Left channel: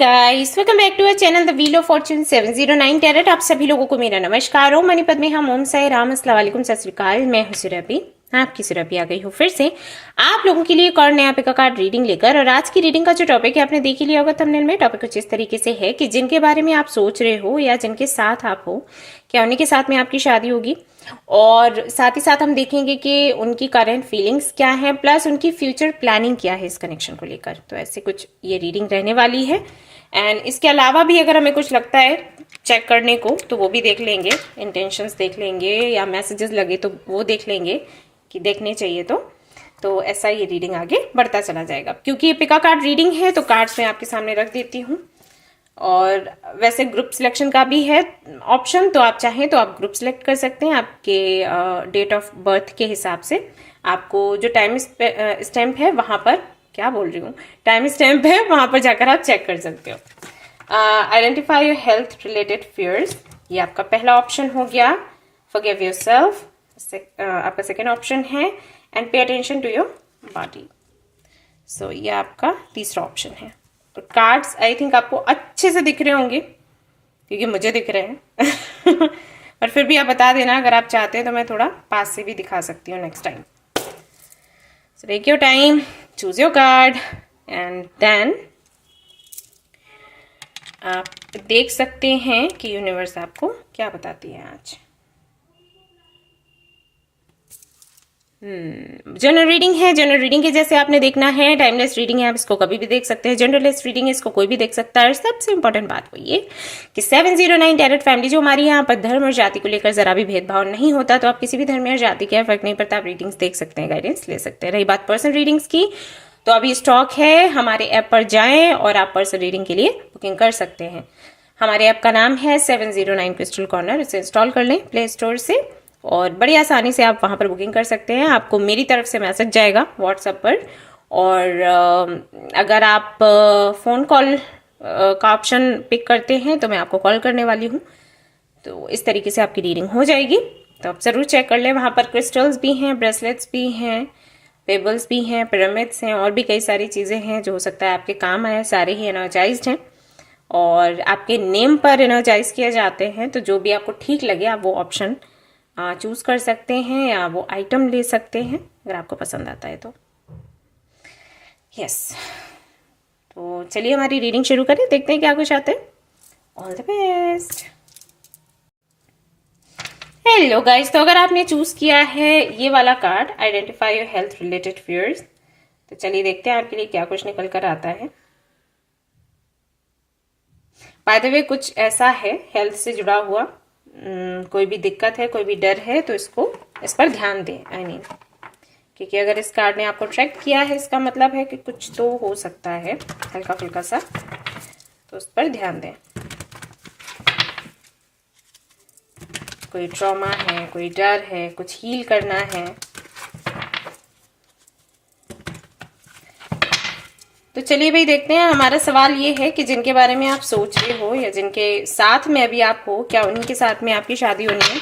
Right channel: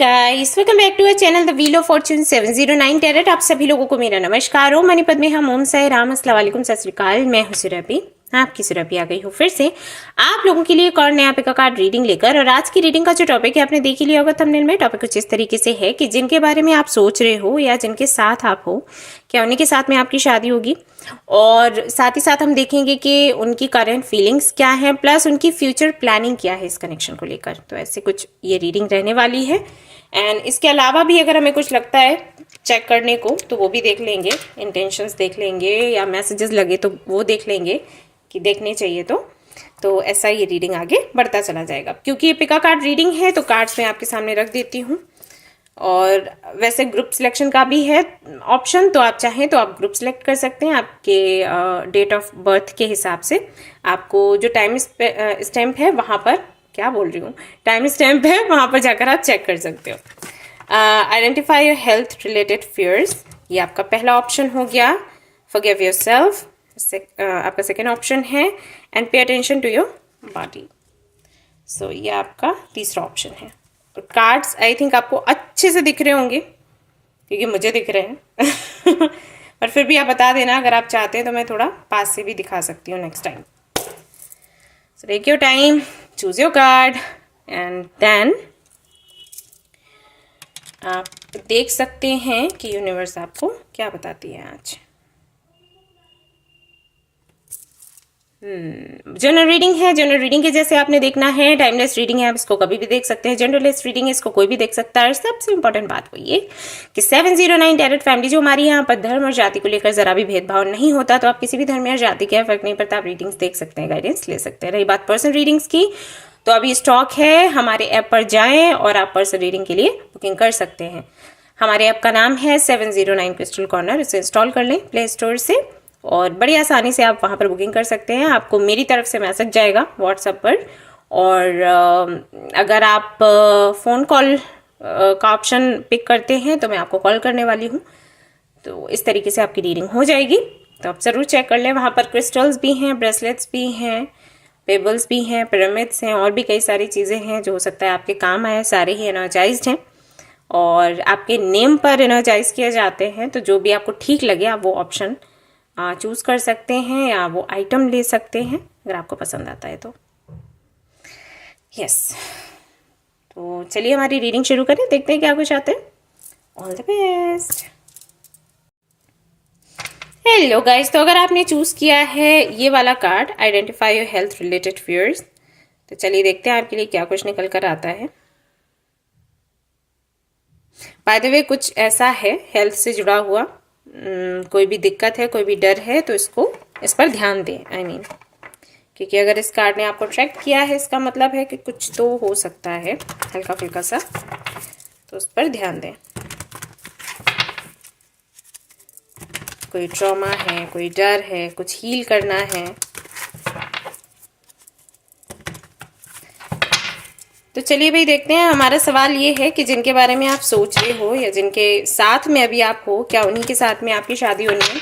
Guys, welcome back to our channel the wheel of fortune 709 tarot. आप सभी लोगों को मेरा नमस्कार। ओम मणिपद में हम ओम साई राम, अस्सलाम वालेकुम, सत श्री अकाल। मैं हूं सुरभि, आपकी सुरभि आ गई हूँ फिर से आप लोगों के लिए एक और नया पिका कार्ड रीडिंग लेकर। और आज की रीडिंग का जो टॉपिक है आपने देख ही लिया होगा थंबनेल में। टॉपिक कुछ इस तरीके से है कि जिनके बारे में आप सोच रहे हो या जिनके साथ आप हो, क्या उन्हीं के साथ में आपकी शादी होगी, और साथ ही साथ हम देखेंगे कि उनकी करंट फीलिंग्स क्या है, प्लस उनकी फ्यूचर प्लानिंग क्या है इस कनेक्शन को लेकर। तो ऐसे कुछ ये रीडिंग रहने वाली है। एंड इसके अलावा भी अगर हमें कुछ लगता है चेक करने को तो वो भी देख लेंगे, इंटेंशंस देख लेंगे या मैसेजेस लगे तो वो देख लेंगे कि देखने चाहिए। तो ऐसा ये रीडिंग आगे बढ़ता चला जाएगा। क्योंकि ये पिका कार्ड रीडिंग है तो कार्ड्स मैं आपके सामने रख देती हूँ। और वैसे ग्रुप सिलेक्शन का भी है ऑप्शन, तो आप चाहें तो आप ग्रुप सिलेक्ट कर सकते हैं आपके डेट ऑफ बर्थ के हिसाब से। आपको जो टाइम स्टैम्प है वहां पर, क्या बोल रही हूँ, टाइम स्टैम्प है वहां पर जाकर आप चेक कर सकते हो। Identify your health related fears, ये आपका पहला ऑप्शन हो गया। फॉरगिव योरसेल्फ आपका सेकेंड ऑप्शन है। And pay attention to your body, so ये आपका तीसरा ऑप्शन है। और कार्ड्स आई थिंक आपको अच्छे से दिख रहे होंगे क्योंकि मुझे दिख रहे हैं पर फिर भी आप बता देना अगर आप चाहते हैं तो मैं थोड़ा पास से भी दिखा सकती हूँ next time. So take your time, choose your card and then आप देख सकते हैं कि यूनिवर्स आपको क्या बताती है आज। जनरल रीडिंग है। जनरल रीडिंग के जैसे आपने देखना है। टाइमलेस रीडिंग है, आप इसको कभी भी देख सकते हैं। जनरलेस रीडिंग है, इसको कोई भी देख सकता है। और सबसे इंपॉर्टेंट बात वो ये कि 709 टैरेट फैमिली जो हमारी यहाँ पर धर्म और जाति को लेकर जरा भी भेदभाव नहीं होता। तो आप किसी भी धर्म या जाति के फर्क नहीं पड़ता, आप रीडिंग्स देख सकते हैं, गाइडेंस ले सकते हैं। रही बात पर्सनल रीडिंग्स की, तो अभी स्टॉक है, हमारे ऐप पर जाएं और आप पर्सनल रीडिंग के लिए बुकिंग कर सकते हैं। हमारे ऐप का नाम है 709 क्रिस्टल कॉर्नर। इसे इंस्टॉल कर लें प्ले स्टोर से और बड़ी आसानी से आप वहां पर बुकिंग कर सकते हैं। आपको मेरी तरफ से मैसेज जाएगा व्हाट्सएप पर। और अगर आप फ़ोन कॉल का ऑप्शन पिक करते हैं तो मैं आपको कॉल करने वाली हूँ। तो इस तरीके से आपकी रीडिंग हो जाएगी। तो आप ज़रूर चेक कर लें। वहाँ पर क्रिस्टल्स भी हैं, ब्रेसलेट्स भी हैं, पेबल्स भी हैं, पिरामिड्स हैं और भी कई सारी चीज़ें हैं जो हो सकता है आपके काम आए। सारे ही एनर्जाइज्ड हैं और आपके नेम पर एनर्जाइज किए जाते हैं। तो जो भी आपको ठीक लगे आप वो ऑप्शन चूज कर सकते हैं या वो आइटम ले सकते हैं अगर आपको पसंद आता है तो। यस, तो चलिए हमारी रीडिंग शुरू करें, देखते हैं क्या कुछ आता है। All the best. Hello guys, तो अगर आपने चूज किया है ये वाला card, identify your health related fears, तो चलिए देखते हैं आपके लिए क्या कुछ निकल कर आता है। बाय द वे कुछ ऐसा है हेल्थ से जुड़ा हुआ, कोई भी दिक्कत है, कोई भी डर है तो इस पर ध्यान दें। आई मीन क्योंकि अगर इस कार्ड ने आपको अट्रैक्ट किया है इसका मतलब है कि कुछ तो हो सकता है हल्का फुल्का सा, तो उस पर ध्यान दें। कोई ट्रॉमा है, कोई डर है, कुछ हील करना है। तो चलिए भाई देखते हैं। हमारा सवाल ये है कि जिनके बारे में आप सोच रहे हो या जिनके साथ में अभी आप हो, क्या उन्हीं के साथ में आपकी शादी होनी है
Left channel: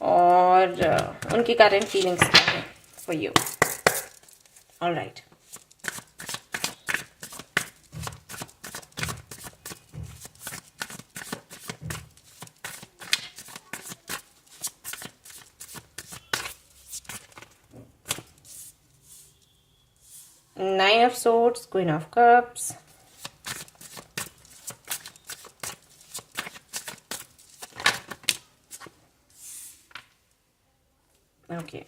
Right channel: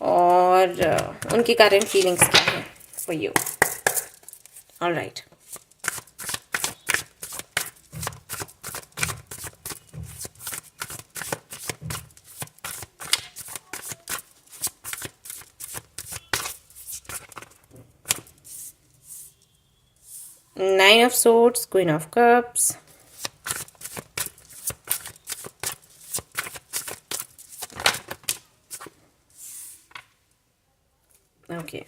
और उनकी करंट फीलिंग्स क्या है for you. Alright, Nine of Swords, Queen of Cups, okay.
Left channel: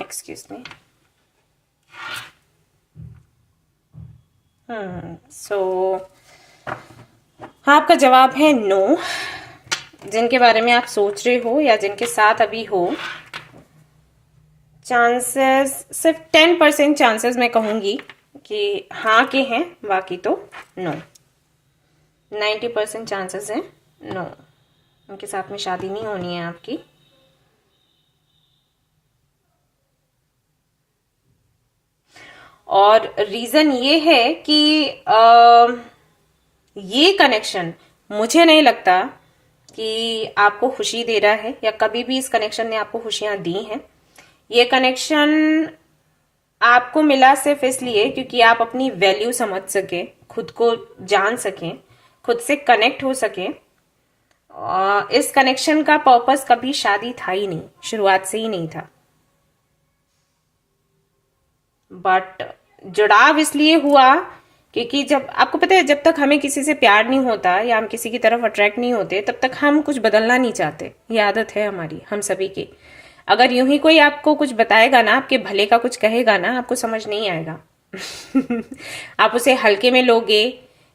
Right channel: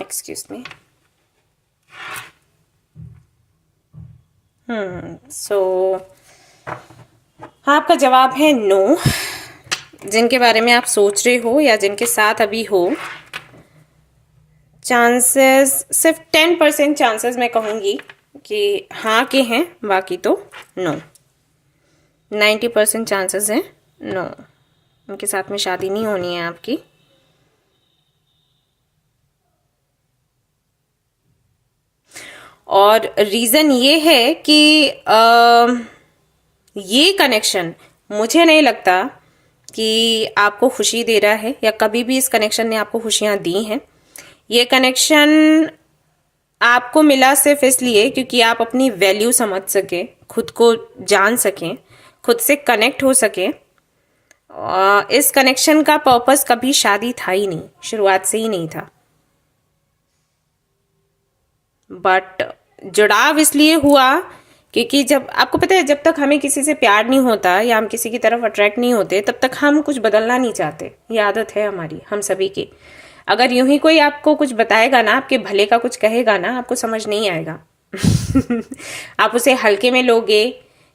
Excuse me. सो आपका जवाब है नो। जिनके बारे में आप सोच रहे हो या जिनके साथ अभी हो, चांसेस सिर्फ 10% चांसेस मैं कहूँगी कि हाँ के हैं, बाकी तो नो। 90% चांसेस हैं नो, उनके साथ में शादी नहीं होनी है आपकी। और रीज़न ये है कि ये कनेक्शन मुझे नहीं लगता कि आपको खुशी दे रहा है, या कभी भी इस कनेक्शन ने आपको खुशियां दी हैं। ये कनेक्शन आपको मिला सिर्फ इसलिए क्योंकि आप अपनी वैल्यू समझ सके, खुद को जान सकें, खुद से कनेक्ट हो सके। इस कनेक्शन का पर्पस कभी शादी था ही नहीं, शुरुआत से ही नहीं था। बट जुड़ाव इसलिए हुआ क्योंकि जब आपको पता है, जब तक हमें किसी से प्यार नहीं होता या हम किसी की तरफ अट्रैक्ट नहीं होते, तब तक हम कुछ बदलना नहीं चाहते। ये आदत है हमारी, हम सभी की। अगर यूं ही कोई आपको कुछ बताएगा ना, आपके भले का कुछ कहेगा ना, आपको समझ नहीं आएगा। आप उसे हल्के में लोगे,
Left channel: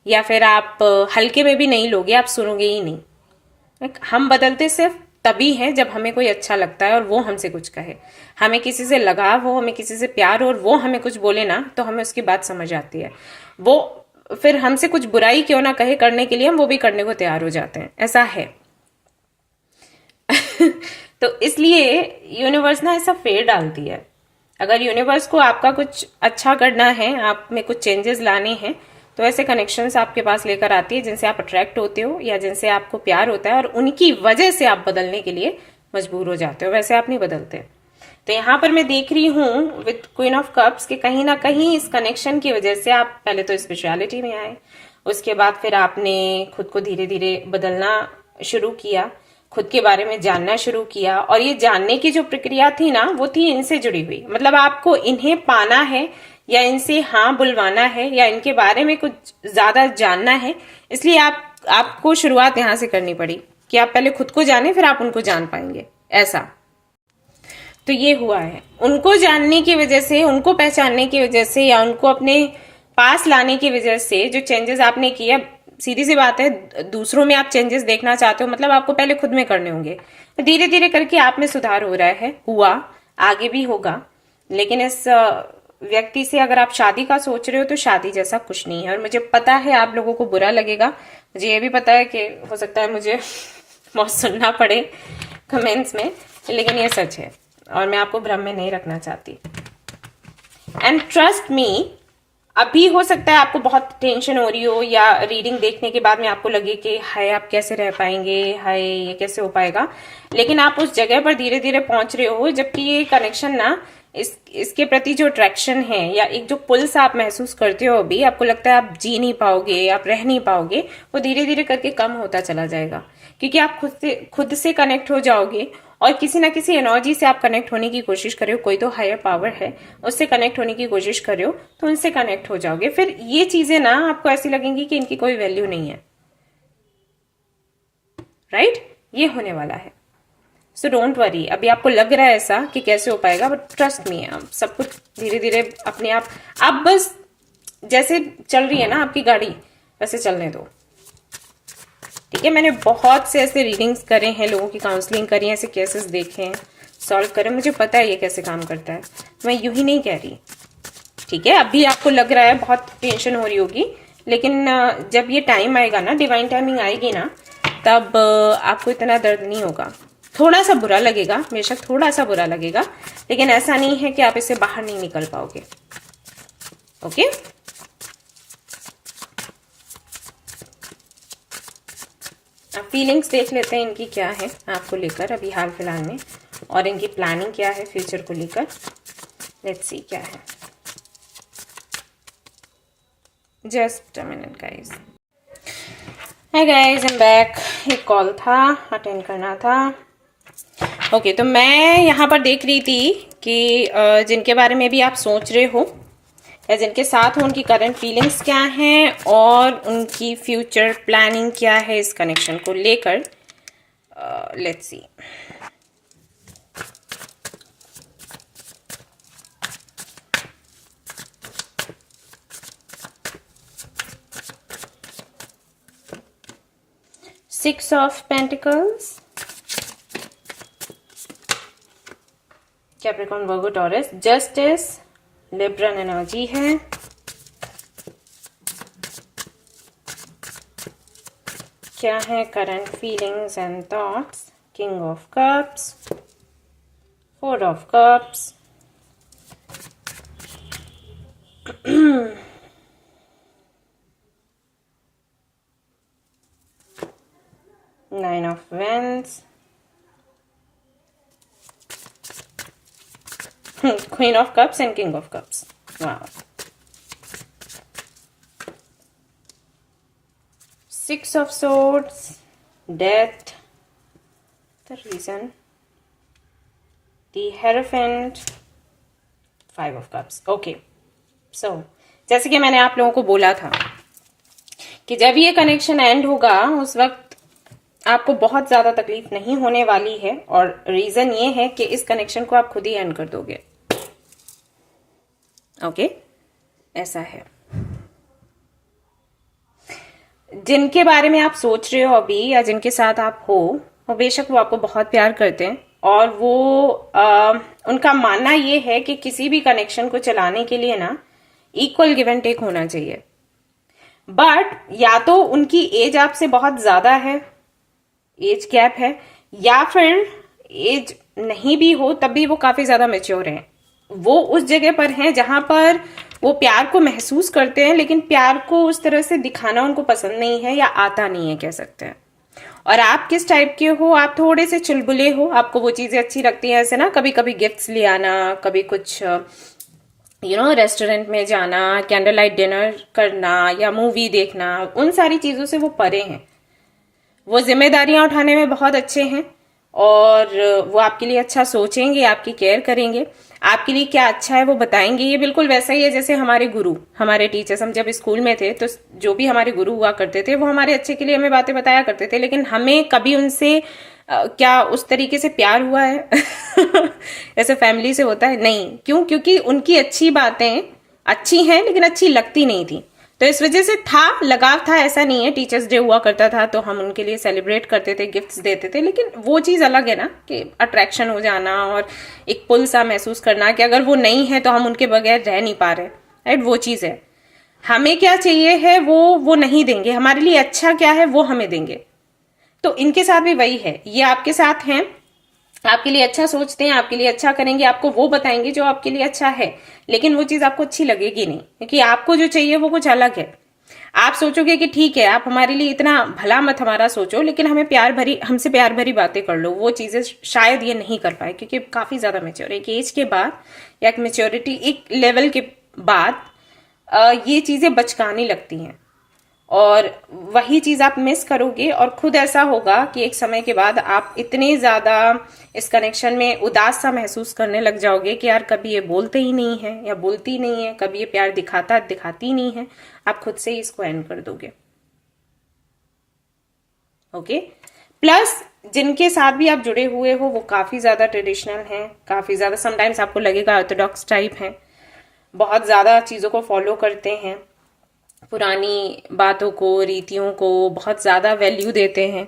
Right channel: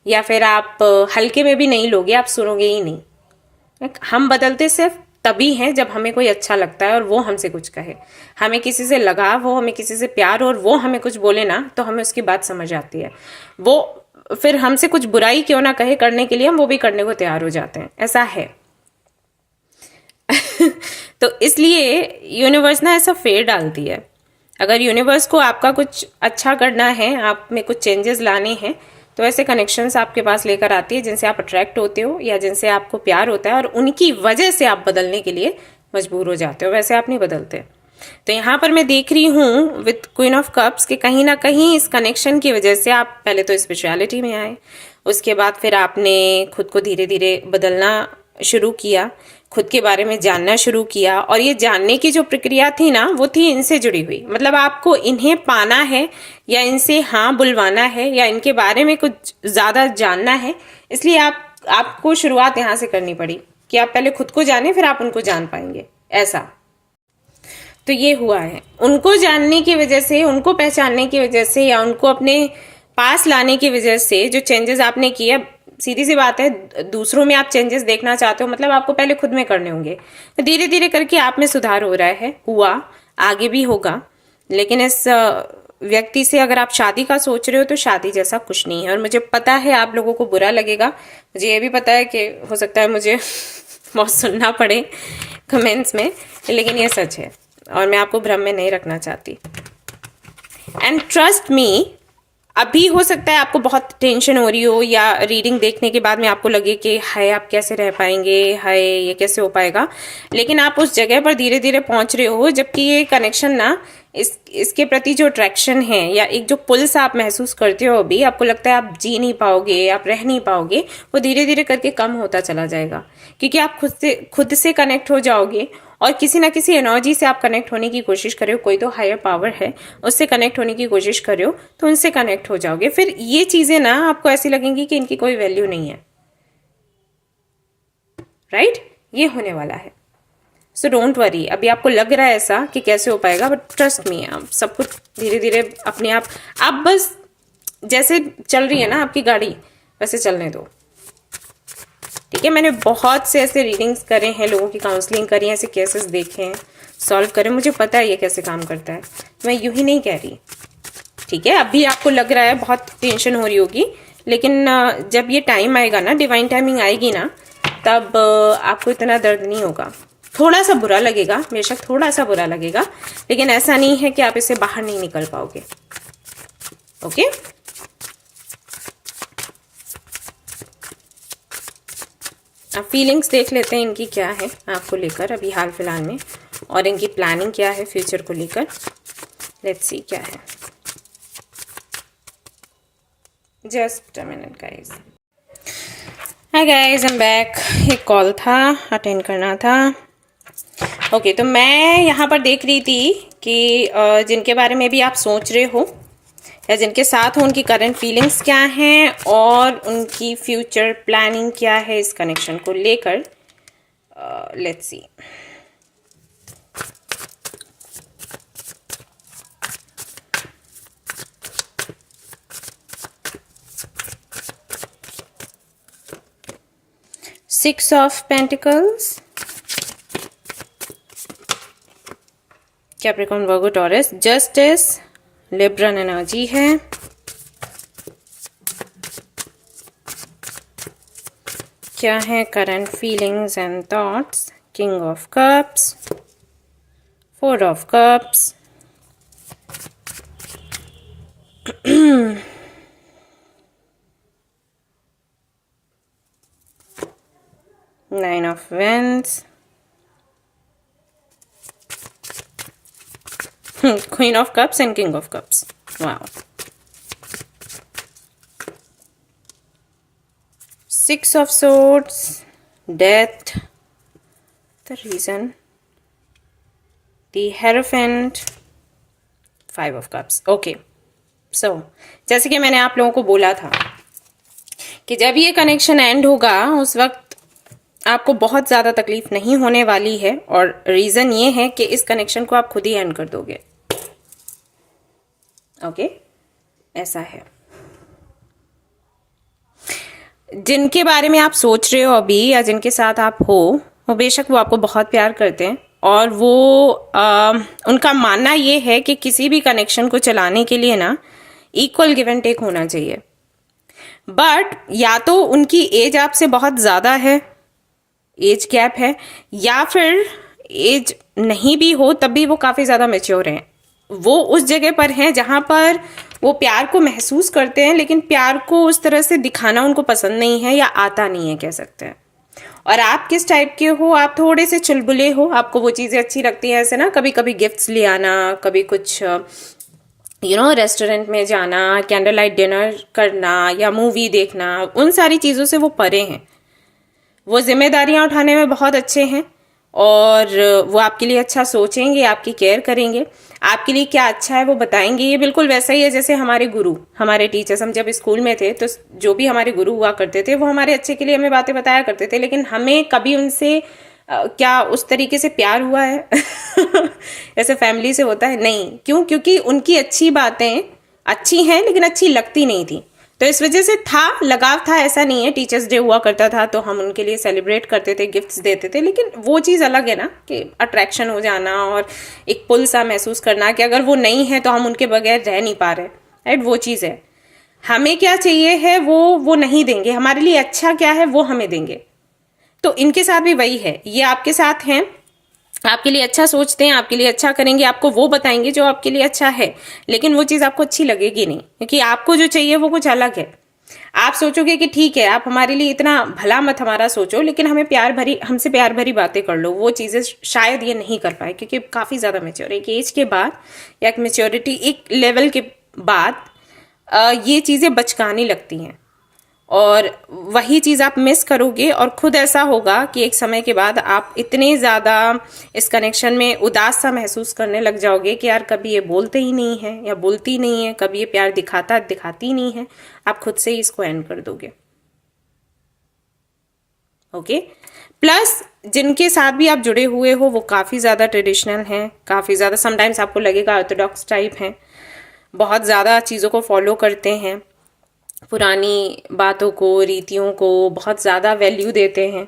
या फिर आप हल्के में भी नहीं लोगे, आप सुनोगे ही नहीं। हम बदलते सिर्फ तभी हैं जब हमें कोई अच्छा लगता है और वो हमसे कुछ कहे, हमें किसी से लगाव हो, हमें किसी से प्यार हो और वो हमें कुछ बोले ना, तो हमें उसकी बात समझ आती है। वो फिर हमसे कुछ बुराई क्यों ना कहे करने के लिए, हम वो भी करने को तैयार हो जाते हैं। ऐसा है। तो इसलिए यूनिवर्स ना ऐसा फेर डालती है। अगर यूनिवर्स को आपका कुछ अच्छा करना है, आप में कुछ चेंजेस लाने हैं, तो ऐसे कनेक्शंस आपके पास लेकर आती है जिनसे आप अट्रैक्ट होते हो या जिनसे आपको प्यार होता है, और उनकी वजह से आप बदलने के लिए मजबूर हो जाते हो। वैसे आप नहीं बदलते। तो यहाँ पर मैं देख रही हूँ विद क्वीन ऑफ कप्स कि कहीं ना कहीं इस कनेक्शन की वजह से आप पहले तो स्पिरिचुअलिटी में आए, उसके बाद फिर आपने खुद को धीरे धीरे बदलना शुरू किया, खुद के बारे में जानना शुरू किया। और ये जानने की जो प्रक्रिया थी ना, वो थी इनसे जुड़ी हुई। मतलब आपको इन्हें पाना है, या इनसे हाँ बुलवाना है, या इनके बारे में कुछ ज्यादा जानना है, इसलिए आपको शुरुआत यहाँ से करनी पड़ी कि आप पहले खुद को जाने, फिर आप उनको जान पाएंगे। ऐसा तो ये हुआ है। उनको जानने की वजह से, उनको पहचानने की वजह से, या उनको अपने पास लाने की वजह से जो चेंजेस आपने किए, सीधी सी बात है, दूसरों में आप चेंजेस देखना चाहते हो, मतलब आपको पहले खुद में करने होंगे। तो धीरे धीरे करके आप में सुधार हो रहा है, हुआ, आगे भी होगा। लेकिन इस व्यक्ति से अगर आप शादी का सोच रहे हो, तो शादी जैसा कुछ नहीं है। और मुझे पता है आप लोगों को बुरा लगेगा, मुझे ये भी पता है कि हो सकता है मुझे बहुत सुनना पड़े कमेंट्स में, लेकिन ये सच है और मैं आपको भ्रम में नहीं रखना चाहती। एंड ट्रस्ट मी, अभी हो सकता है आपको बहुत टेंशन हो रही हो, या रीडिंग देखने के बाद में आपको लगे कि हाय आप कैसे रह पाएंगे, हाय ये कैसे हो पाएगा। लेकिन आप उस जगह पर धीरे धीरे पहुंच रहे हो, जबकि ये कनेक्शन ना, इसके प्रति जो अट्रैक्शन है या एक जो पुल्स आप महसूस करते हो, अभी आपको लगता है आप जी नहीं पाओगे, आप रह नहीं पाओगे, वो धीरे धीरे करके कम होता चला जाएगा। क्योंकि आप खुद से कनेक्ट हो जाओगे, और किसी ना किसी एनर्जी से आप कनेक्ट होने की कोशिश कर रहे हो। कोई तो हायर पावर है, उससे कनेक्ट होने की कोशिश कर रहे हो, तो उनसे कनेक्ट हो जाओगे। फिर ये चीजें ना आपको ऐसी लगेंगी कि इनकी कोई वैल्यू नहीं है। राइट? ये होने वाला है। So don't worry. अभी आपको लग रहा है ऐसा कि कैसे हो पाएगा, बट ट्रस्ट मी, आप सब कुछ धीरे धीरे अपने आप बस जैसे चल रही है ना आपकी गाड़ी, वैसे चलने दो। ठीक है? मैंने बहुत से ऐसे रीडिंग्स करे हैं, लोगों की काउंसलिंग करी है, ऐसे केसेस देखे हैं, सॉल्व करे, मुझे पता है ये कैसे काम करता है। मैं यूं ही नहीं कह रही। ठीक है? अभी आपको लग रहा है बहुत टेंशन हो रही होगी, लेकिन जब ये टाइम आएगा ना, डिवाइन टाइमिंग आएगी ना, तब आपको इतना दर्द नहीं होगा। थोड़ा सा बुरा लगेगा, बेशक थोड़ा सा बुरा लगेगा, लेकिन ऐसा नहीं है कि आप इससे बाहर नहीं निकल पाओगे। ओके? अब फीलिंग्स देख लेते हैं इनकी क्या है आपको लेकर अभी हाल फिलहाल में, और इनकी प्लानिंग क्या है फ्यूचर को लेकर। लेट्स सी क्या है। Just a minute guys. Hi guys, I am back. एक कॉल था, अटेंड करना था। ओके, तो मैं यहाँ पर देख रही थी कि जिनके बारे में भी आप सोच रहे हो या जिनके साथ हो, उनकी करंट फीलिंग्स क्या हैं और उनकी फ्यूचर प्लानिंग क्या है इस कनेक्शन को लेकर। Let's see. Six of Pentacles, Capricorn, Virgo, Taurus, Justice, Libran energy है। क्या है current feelings and thoughts? King of cups, 4 of cups, 9 of wands, queen of cups and king of cups. वाह। 6 of swords, death, the reason, the Hierophant, 5 of cups. Okay, so जैसे कि मैंने आप लोगों को बोला था कि जब ये कनेक्शन एंड होगा उस वक्त आपको बहुत ज़्यादा तकलीफ नहीं होने वाली है, और रीज़न ये है कि इस कनेक्शन को आप खुद ही एंड कर दोगे। ओके, ऐसा है। जिनके बारे में आप सोच रहे हो अभी या जिनके साथ आप हो, वो बेशक वो आपको बहुत प्यार करते हैं, और वो उनका मानना ये है कि किसी भी कनेक्शन को चलाने के लिए ना इक्वल गिव एंड टेक होना चाहिए। बट या तो उनकी एज आपसे बहुत ज़्यादा है, एज गैप है, या फिर एज नहीं भी हो तब भी वो काफ़ी ज़्यादा मैच्योर हैं। वो उस जगह पर हैं जहाँ पर वो प्यार को महसूस करते हैं, लेकिन प्यार को उस तरह से दिखाना उनको पसंद नहीं है या आता नहीं है, कह सकते हैं। और आप किस टाइप के हो? आप थोड़े से चुलबुले हो, आपको वो चीज़ें अच्छी लगती हैं, ऐसे ना कभी कभी गिफ्ट्स ले आना, कभी कुछ रेस्टोरेंट में जाना, कैंडल लाइट डिनर करना या मूवी देखना, उन सारी चीज़ों से वो परे हैं। वो जिम्मेदारियां उठाने में बहुत अच्छे हैं, और वो आपके लिए अच्छा सोचेंगे, आपकी केयर करेंगे, आपके लिए क्या अच्छा है वो बताएंगे। ये बिल्कुल वैसा ही है जैसे हमारे गुरु, हमारे टीचर्स। हम जब स्कूल में थे तो जो भी हमारे गुरु हुआ करते थे वो हमारे अच्छे के लिए हमें बातें बताया करते थे, लेकिन हमें कभी उनसे क्या उस तरीके से प्यार हुआ है ऐसे फैमिली से होता है? नहीं। क्यों? क्योंकि उनकी अच्छी बातें अच्छी हैं लेकिन अच्छी लगती नहीं थी, तो इस वजह से था, लगाव था। ऐसा नहीं है, टीचर्स डे हुआ करता था तो हम उनके लिए सेलिब्रेट करते थे, गिफ्ट्स देते थे, लेकिन वो चीज़ अलग है ना कि अट्रैक्शन हो जाना और एक पुल सा महसूस करना कि अगर वो नहीं है तो हम उनके बगैर रह नहीं पा रहे, राइट? वो चीज़ है। हमें क्या चाहिए है वो नहीं देंगे, हमारे लिए अच्छा क्या है वो हमें देंगे। तो इनके साथ भी वही है, ये आपके साथ हैं, आपके लिए अच्छा सोचते हैं, आपके लिए अच्छा करेंगे, आपको वो बताएंगे जो आपके लिए अच्छा है, लेकिन वो चीज़ आपको अच्छी लगेगी नहीं, क्योंकि आपको जो चाहिए वो कुछ अलग है। आप सोचोगे कि ठीक है, आप हमारे लिए इतना भला मत हमारा सोचो, लेकिन हमसे प्यार भरी बातें कर लो। वो चीज़ें शायद ये नहीं कर पाए, क्योंकि काफ़ी ज़्यादा मैच्योर, एक एज के बाद या एक मैच्योरिटी, एक लेवल के बाद ये चीज़ें बचकानी लगती हैं, और वही चीज़ आप मिस करोगे। और खुद ऐसा होगा कि एक समय के बाद आप इतने ज़्यादा इस कनेक्शन में उदास सा महसूस करने लग जाओगे कि यार कभी ये बोलते ही नहीं है या बोलती नहीं है, कभी ये प्यार दिखाती नहीं है, आप खुद से ही इसको एंड कर दोगे। ओके। प्लस जिनके साथ भी आप जुड़े हुए हो वो काफ़ी ज़्यादा ट्रेडिशनल हैं, काफ़ी ज़्यादा, समटाइम्स आपको लगेगा ऑर्थोडॉक्स टाइप हैं, बहुत ज़्यादा चीज़ों को फॉलो करते हैं, पुरानी बातों को, रीतियों को बहुत ज़्यादा वैल्यू देते हैं,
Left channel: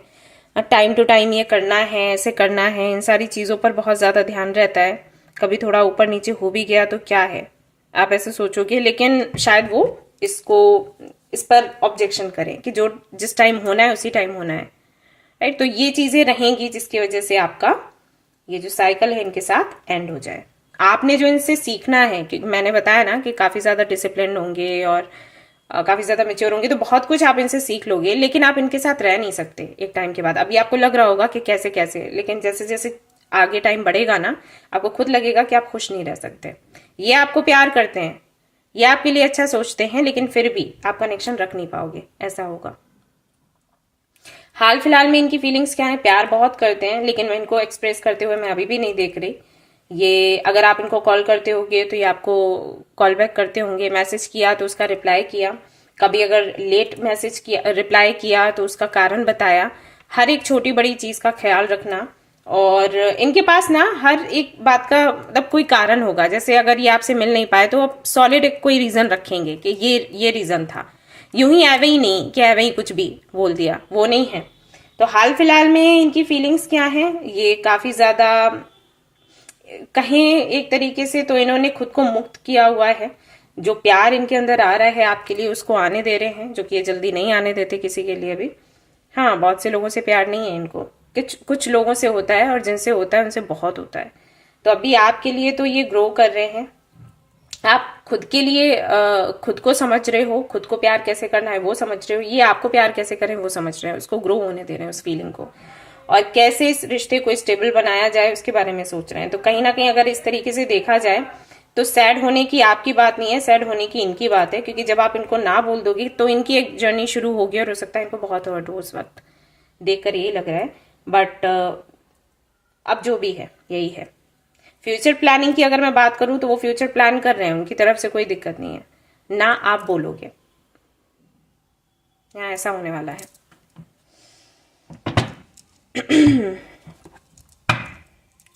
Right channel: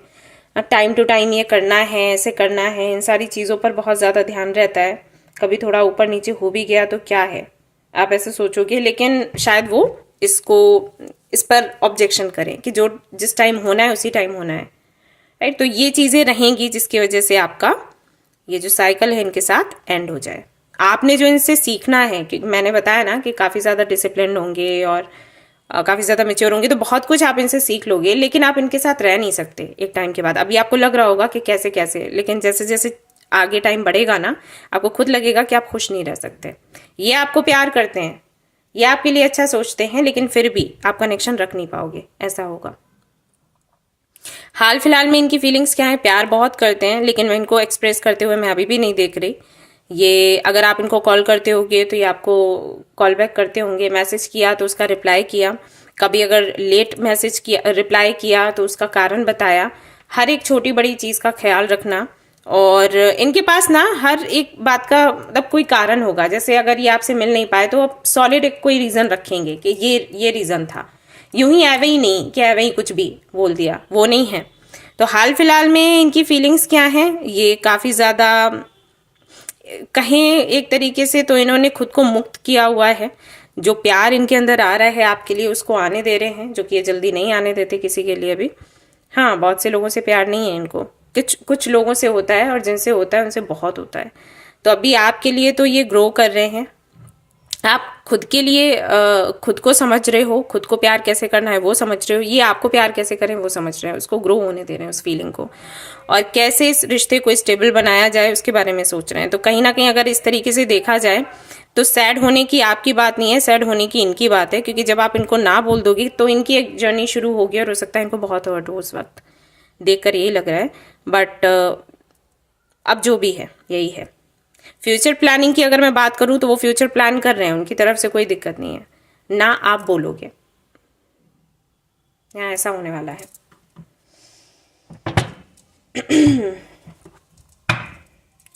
टाइम टू टाइम ये करना है, ऐसे करना है, इन सारी चीज़ों पर बहुत ज़्यादा ध्यान रहता है। कभी थोड़ा ऊपर नीचे हो भी गया तो क्या है, आप ऐसे सोचोगे, लेकिन शायद वो इस पर ऑब्जेक्शन करें कि जो जिस टाइम होना है उसी टाइम होना है, राइट? तो ये चीज़ें रहेंगी जिसकी वजह से आपका ये जो साइकिल है इनके साथ एंड हो जाए। आपने जो इनसे सीखना है, कि मैंने बताया ना कि काफ़ी ज़्यादा डिसिप्लिन होंगे और काफ़ी ज़्यादा मैच्योर होंगे, तो बहुत कुछ आप इनसे सीख लोगे, लेकिन आप इनके साथ रह नहीं सकते एक टाइम के बाद। अभी आपको लग रहा होगा कि कैसे कैसे, लेकिन जैसे जैसे आगे टाइम बढ़ेगा ना, आपको खुद लगेगा कि आप खुश नहीं रह सकते। ये आपको प्यार करते हैं, ये आपके लिए अच्छा सोचते हैं, लेकिन फिर भी आप कनेक्शन रख नहीं पाओगे, ऐसा होगा। हाल फिलहाल में इनकी फीलिंग्स क्या है? प्यार बहुत करते हैं, लेकिन मैं इनको एक्सप्रेस करते हुए मैं अभी भी नहीं देख रही। ये अगर आप इनको कॉल करते होगे तो ये आपको कॉल बैक करते होंगे, मैसेज किया तो उसका रिप्लाई किया, कभी अगर लेट मैसेज किया, रिप्लाई किया तो उसका कारण बताया, हर एक छोटी बड़ी चीज़ का ख्याल रखना। और इनके पास ना हर एक बात का मतलब कोई कारण होगा, जैसे अगर ये आपसे मिल नहीं पाए तो अब सॉलिड एक कोई रीज़न रखेंगे कि ये रीज़न था, यूं ही एवे ही नहीं कि एवे ही कुछ भी बोल दिया, वो नहीं है। तो हाल फिलहाल में इनकी फीलिंग्स क्या हैं? ये काफ़ी ज़्यादा कहें एक तरीके से तो इन्होंने खुद को मुक्त किया हुआ है। जो प्यार इनके अंदर आ रहा है आपके लिए उसको आने दे रहे हैं, जो कि ये जल्दी नहीं आने देते किसी के लिए भी। हाँ, बहुत से लोगों से प्यार नहीं है इनको, कुछ लोगों से होता है, और जिनसे होता है उनसे बहुत होता है। तो अभी आपके लिए तो ये ग्रो कर रहे हैं। आप खुद के लिए खुद को समझ रहे हो, खुद को प्यार कैसे करना है वो समझ रहे हो, ये आपको प्यार कैसे करें वो समझ रहे हैं, उसको ग्रो होने दे रहे हैं उस फीलिंग को, और कैसे इस रिश्ते को स्टेबल बनाया जाए उसके बारे में सोच रहे हैं। तो कहीं ना कहीं अगर इस तरीके से देखा जाए तो सैड होने की आपकी बात नहीं है, सैड होने की इनकी बात है, क्योंकि जब आप इनको ना बोल दोगी तो इनकी एक जर्नी शुरू होगी, और हो सकता है इनको बहुत हर्ट हो उस वक्त, देखकर यही लग रहा है। बट अब जो भी है यही है। फ्यूचर प्लानिंग की अगर मैं बात करूं तो वो फ्यूचर प्लान कर रहे हैं, उनकी तरफ से कोई दिक्कत नहीं है, ना आप बोलोगे, यहाँ ऐसा होने वाला है।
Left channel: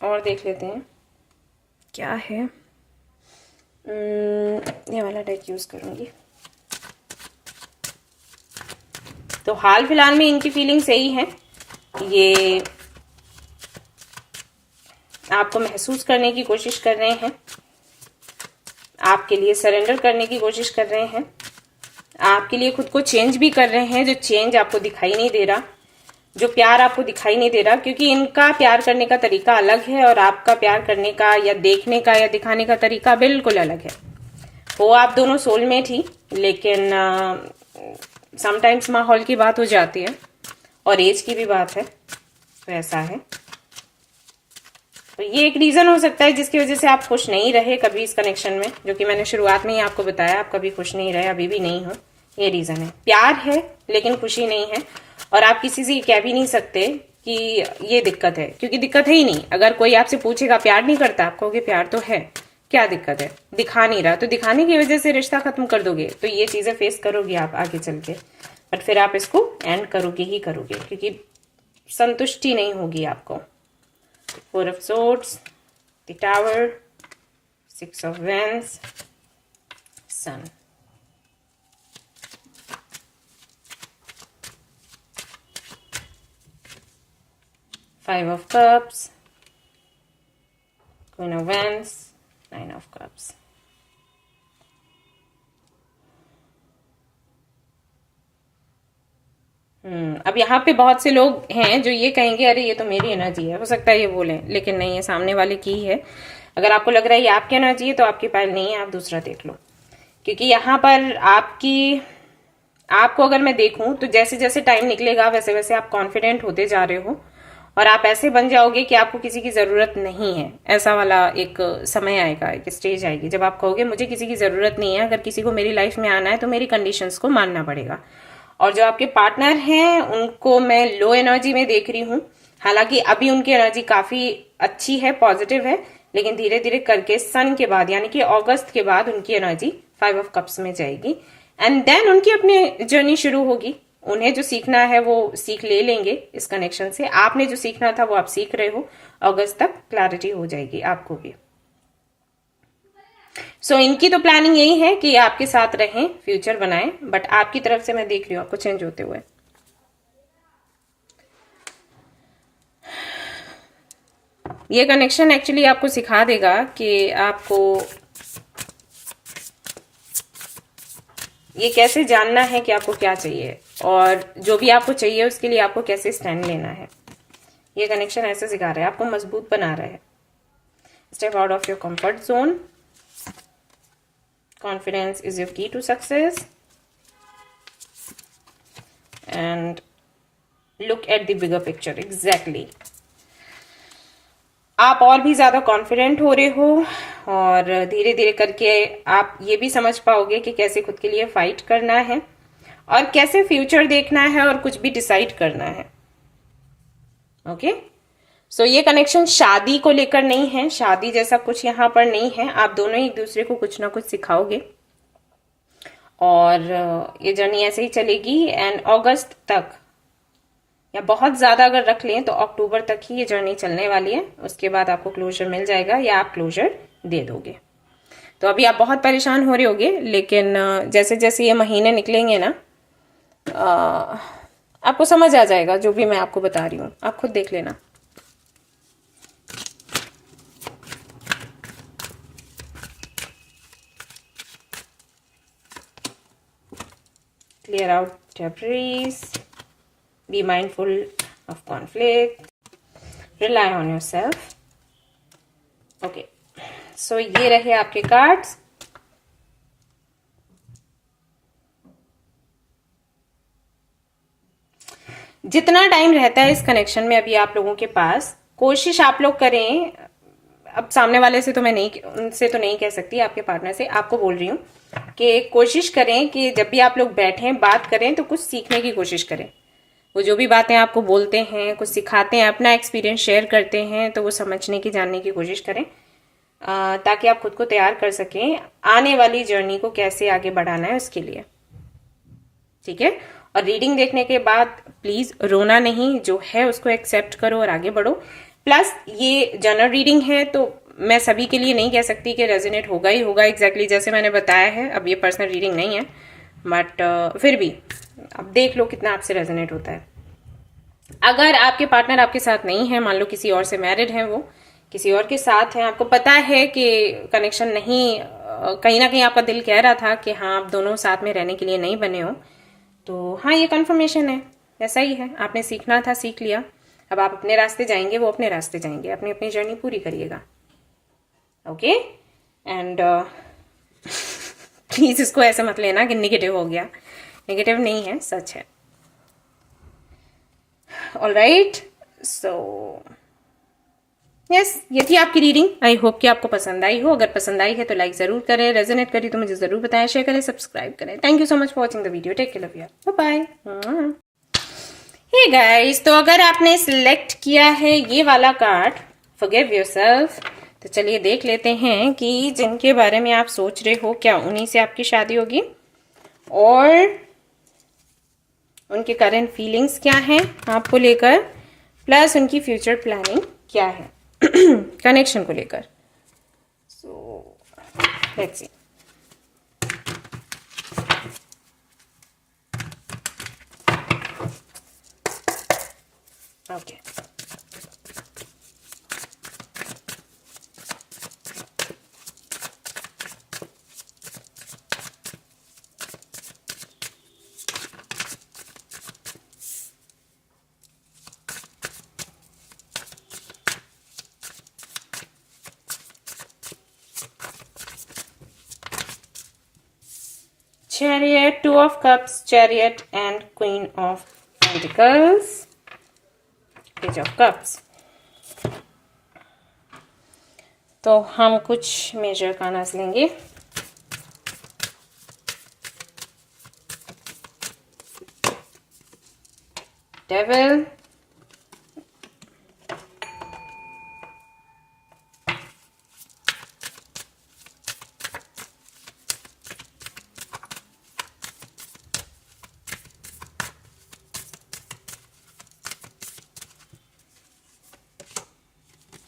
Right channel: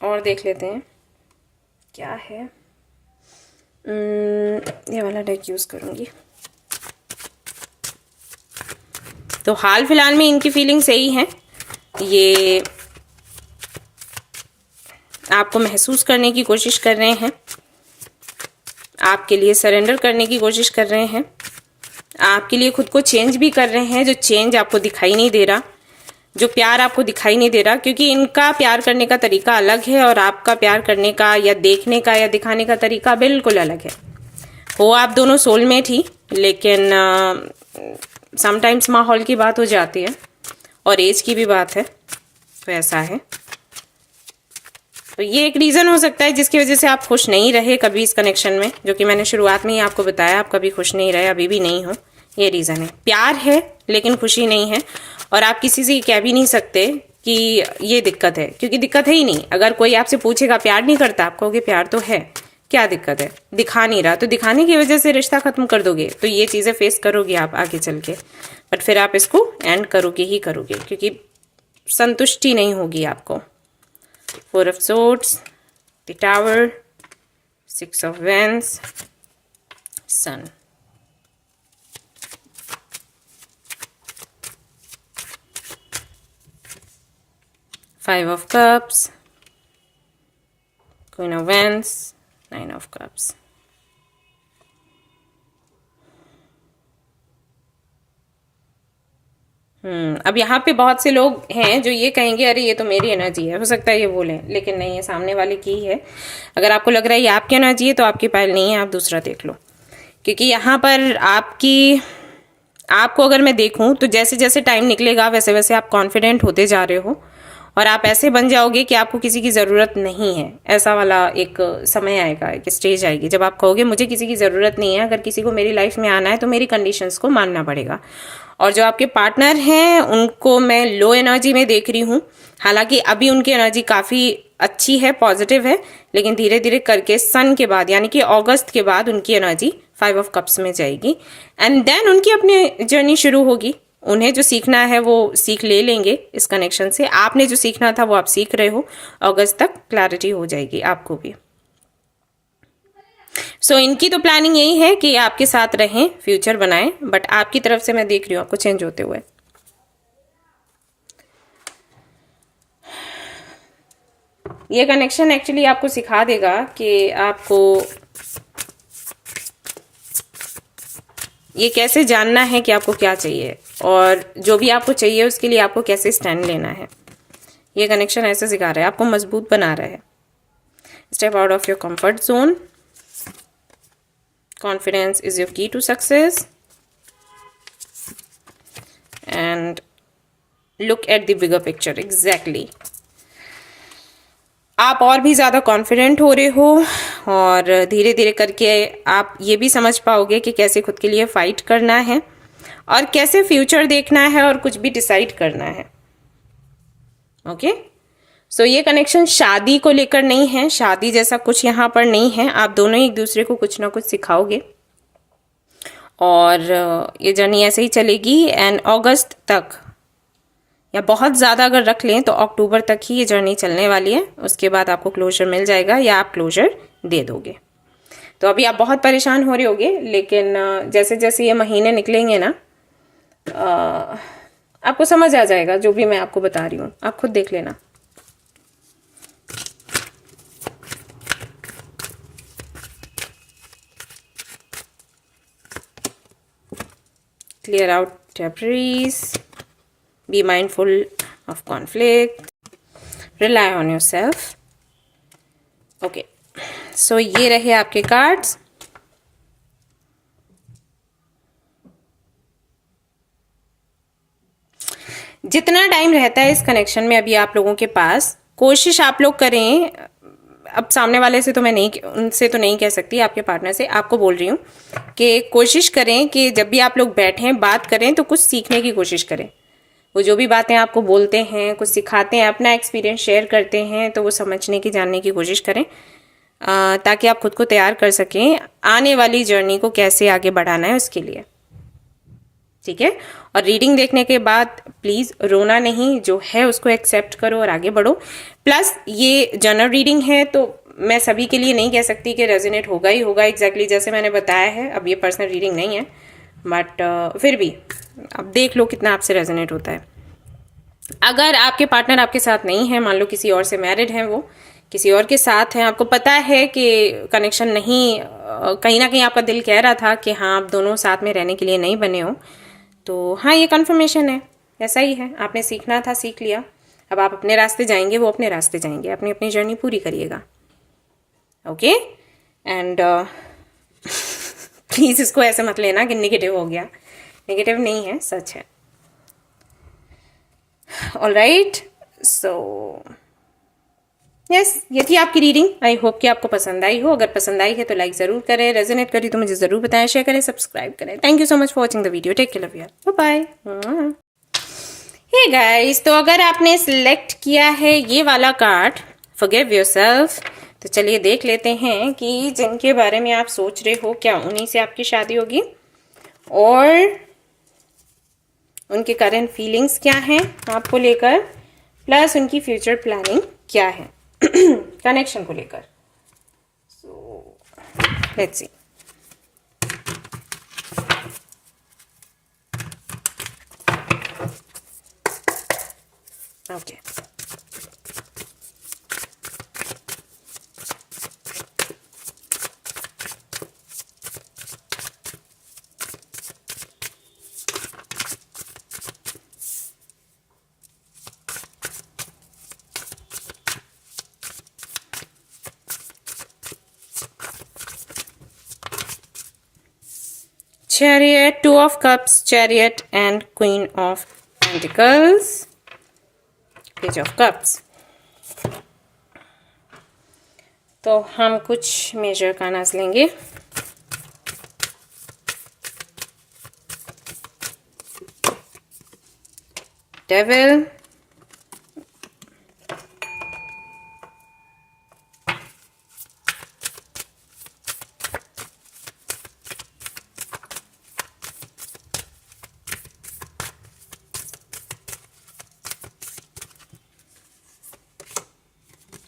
और देख लेते हैं क्या है। ये वाला डेक यूज करूंगी। तो हाल फिलहाल में इनकी फीलिंग्स यही हैं, ये आपको महसूस करने की कोशिश कर रहे हैं, आपके लिए सरेंडर करने की कोशिश कर रहे हैं, आपके लिए खुद को चेंज भी कर रहे हैं, जो चेंज आपको दिखाई नहीं दे रहा, जो प्यार आपको दिखाई नहीं दे रहा, क्योंकि इनका प्यार करने का तरीका अलग है और आपका प्यार करने का या देखने का या दिखाने का तरीका बिल्कुल अलग है। वो आप दोनों सोलमेट ही, लेकिन समटाइम्स माहौल की बात हो जाती है और एज की भी बात है, तो ऐसा है। तो ये एक रीज़न हो सकता है जिसकी वजह से आप खुश नहीं रहे कभी इस कनेक्शन में, जो कि मैंने शुरुआत में ही आपको बताया, आप कभी खुश नहीं रहे, अभी भी नहीं हो, ये रीज़न है। प्यार है लेकिन खुशी नहीं है, और आप किसी से कह भी नहीं सकते कि ये दिक्कत है, क्योंकि दिक्कत है ही नहीं। अगर कोई आपसे पूछेगा प्यार नहीं करता, आप कहोगे प्यार तो है, क्या दिक्कत है, दिखा नहीं रहा, तो दिखाने की वजह से रिश्ता खत्म कर दोगे, तो ये चीज़ें फेस करोगे आप आगे चल के, बट फिर आप इसको एंड करोगे ही करोगे, क्योंकि संतुष्टि नहीं होगी आपको। Four of Swords, the Tower, Six of Wands, Sun. Five of Cups, Queen of Wands, Nine of Cups. अब यहाँ पे बहुत से लोग हैं जो ये कहेंगे अरे ये तो मेरी एनर्जी है, हो सकता है ये बोलें, लेकिन नहीं, है सामने वाले की है। अगर आपको लग रहा है ये आपकी एनर्जी है तो आपकी पायल नहीं है, आप दूसरा देख लो, क्योंकि यहाँ पर आपको अगर मैं देखूं तो जैसे जैसे टाइम निकलेगा वैसे वैसे आप कॉन्फिडेंट होते जा रहे हो, और आप ऐसे बन जाओगे कि आपको किसी की ज़रूरत नहीं है। ऐसा वाला एक समय आएगा, एक स्टेज आएगी जब आप कहोगे मुझे किसी की ज़रूरत नहीं है, अगर किसी को मेरी लाइफ में आना है तो मेरी कंडीशंस को मानना पड़ेगा। और जो आपके पार्टनर हैं उनको मैं लो एनर्जी में देख रही हूँ, हालांकि अभी उनकी एनर्जी काफ़ी अच्छी है, पॉजिटिव है, लेकिन धीरे धीरे करके सन के बाद यानी कि अगस्त के बाद उनकी एनर्जी 5 ऑफ कप्स में जाएगी, एंड देन उनकी अपनी जर्नी शुरू होगी। उन्हें जो सीखना है वो सीख ले लेंगे इस कनेक्शन से, आपने जो सीखना था वो आप सीख रहे हो, अगस्त तक क्लैरिटी हो जाएगी आपको भी। सो इनकी तो प्लानिंग यही है कि आपके साथ रहें, फ्यूचर बनाएं, बट आपकी तरफ से मैं देख रही हूँ आपको चेंज होते हुए। ये कनेक्शन एक्चुअली आपको सिखा देगा कि आपको ये कैसे जानना है कि आपको क्या चाहिए, और जो भी आपको चाहिए उसके लिए आपको कैसे स्टैंड लेना है। ये कनेक्शन ऐसे सिखा रहा है, आपको मजबूत बना रहा है। Step out of your comfort zone, confidence is your key to success, and look at the bigger picture. Exactly. आप और भी ज़्यादा कॉन्फिडेंट हो रहे हो, और धीरे धीरे करके आप ये भी समझ पाओगे कि कैसे खुद के लिए फाइट करना है और कैसे फ्यूचर देखना है और कुछ भी डिसाइड करना है। ओके, सो ये कनेक्शन शादी को लेकर नहीं है, शादी जैसा कुछ यहाँ पर नहीं है। आप दोनों एक दूसरे को कुछ ना कुछ सिखाओगे, और ये जर्नी ऐसे ही चलेगी, एंड अगस्त तक, या बहुत ज़्यादा अगर रख लें तो अक्टूबर तक ही ये जर्नी चलने वाली है। उसके बाद आपको क्लोजर मिल जाएगा या आप क्लोजर दे दोगे। तो अभी आप बहुत परेशान हो रहे होगे, लेकिन जैसे जैसे ये महीने निकलेंगे ना, आपको समझ आ जाएगा जो भी मैं आपको बता रही हूँ, आप खुद देख लेना। clear out temporaries, be mindful of conflict, rely on yourself. Okay, so ये रहे आपके कार्ड्स। जितना टाइम रहता है इस कनेक्शन में अभी आप लोगों के पास, कोशिश आप लोग करें, अब सामने वाले से तो मैं नहीं, उनसे तो नहीं कह सकती, आपके पार्टनर से आपको बोल रही हूँ कि कोशिश करें कि जब भी आप लोग बैठें बात करें तो कुछ सीखने की कोशिश करें। वो जो भी बातें आपको बोलते हैं, कुछ सिखाते हैं, अपना एक्सपीरियंस शेयर करते हैं, तो वो समझने की, जानने की कोशिश करें, ताकि आप खुद को तैयार कर सकें आने वाली जर्नी को कैसे आगे बढ़ाना है उसके लिए। ठीक है, और रीडिंग देखने के बाद प्लीज रोना नहीं, जो है उसको एक्सेप्ट करो और आगे बढ़ो। प्लस ये जनरल रीडिंग है तो मैं सभी के लिए नहीं कह सकती कि रेजोनेट होगा ही होगा एग्जैक्टली जैसे मैंने बताया है। अब ये पर्सनल रीडिंग नहीं है, बट फिर भी अब देख लो कितना आपसे रेजोनेट होता है। अगर आपके पार्टनर आपके साथ नहीं है, मान लो किसी और से मैरिड है, वो किसी और के साथ है, आपको पता है कि कनेक्शन नहीं, कहीं ना कहीं आपका दिल कह रहा था कि हाँ आप दोनों साथ में रहने के लिए नहीं बने हो, तो हाँ ये कन्फर्मेशन है, ऐसा ही है। आपने सीखना था, सीख लिया, अब आप अपने रास्ते जाएंगे, वो अपने रास्ते जाएंगे, अपनी अपनी जर्नी पूरी करिएगा। ओके, एंड प्लीज इसको ऐसे मत लेना कि नेगेटिव हो गया, नेगेटिव नहीं है, सच है। ऑलराइट, सो यस, ये थी आपकी रीडिंग। आई होप कि आपको पसंद आई हो। अगर पसंद आई है तो लाइक जरूर करें, रेजोनेट करी तो मुझे जरूर बताएं, शेयर करें, सब्सक्राइब करें। Thank you so much for watching the video, take care, love you, bye bye. Hey guys, तो अगर आपने सिलेक्ट किया है ये वाला कार्ड फॉरगिव योरसेल्फ, तो चलिए देख लेते हैं कि जिनके बारे में आप सोच रहे हो क्या उन्हीं से आपकी शादी होगी, और उनके करंट फीलिंग्स क्या हैं आपको लेकर, प्लस उनकी फ्यूचर प्लानिंग क्या है कनेक्शन को लेकर। So let's see. Okay, Chariot, Two of Cups, Chariot and Queen of Pentacles, Page of Cups। तो हम कुछ मेजर कार्ड्स लेंगे। Devil,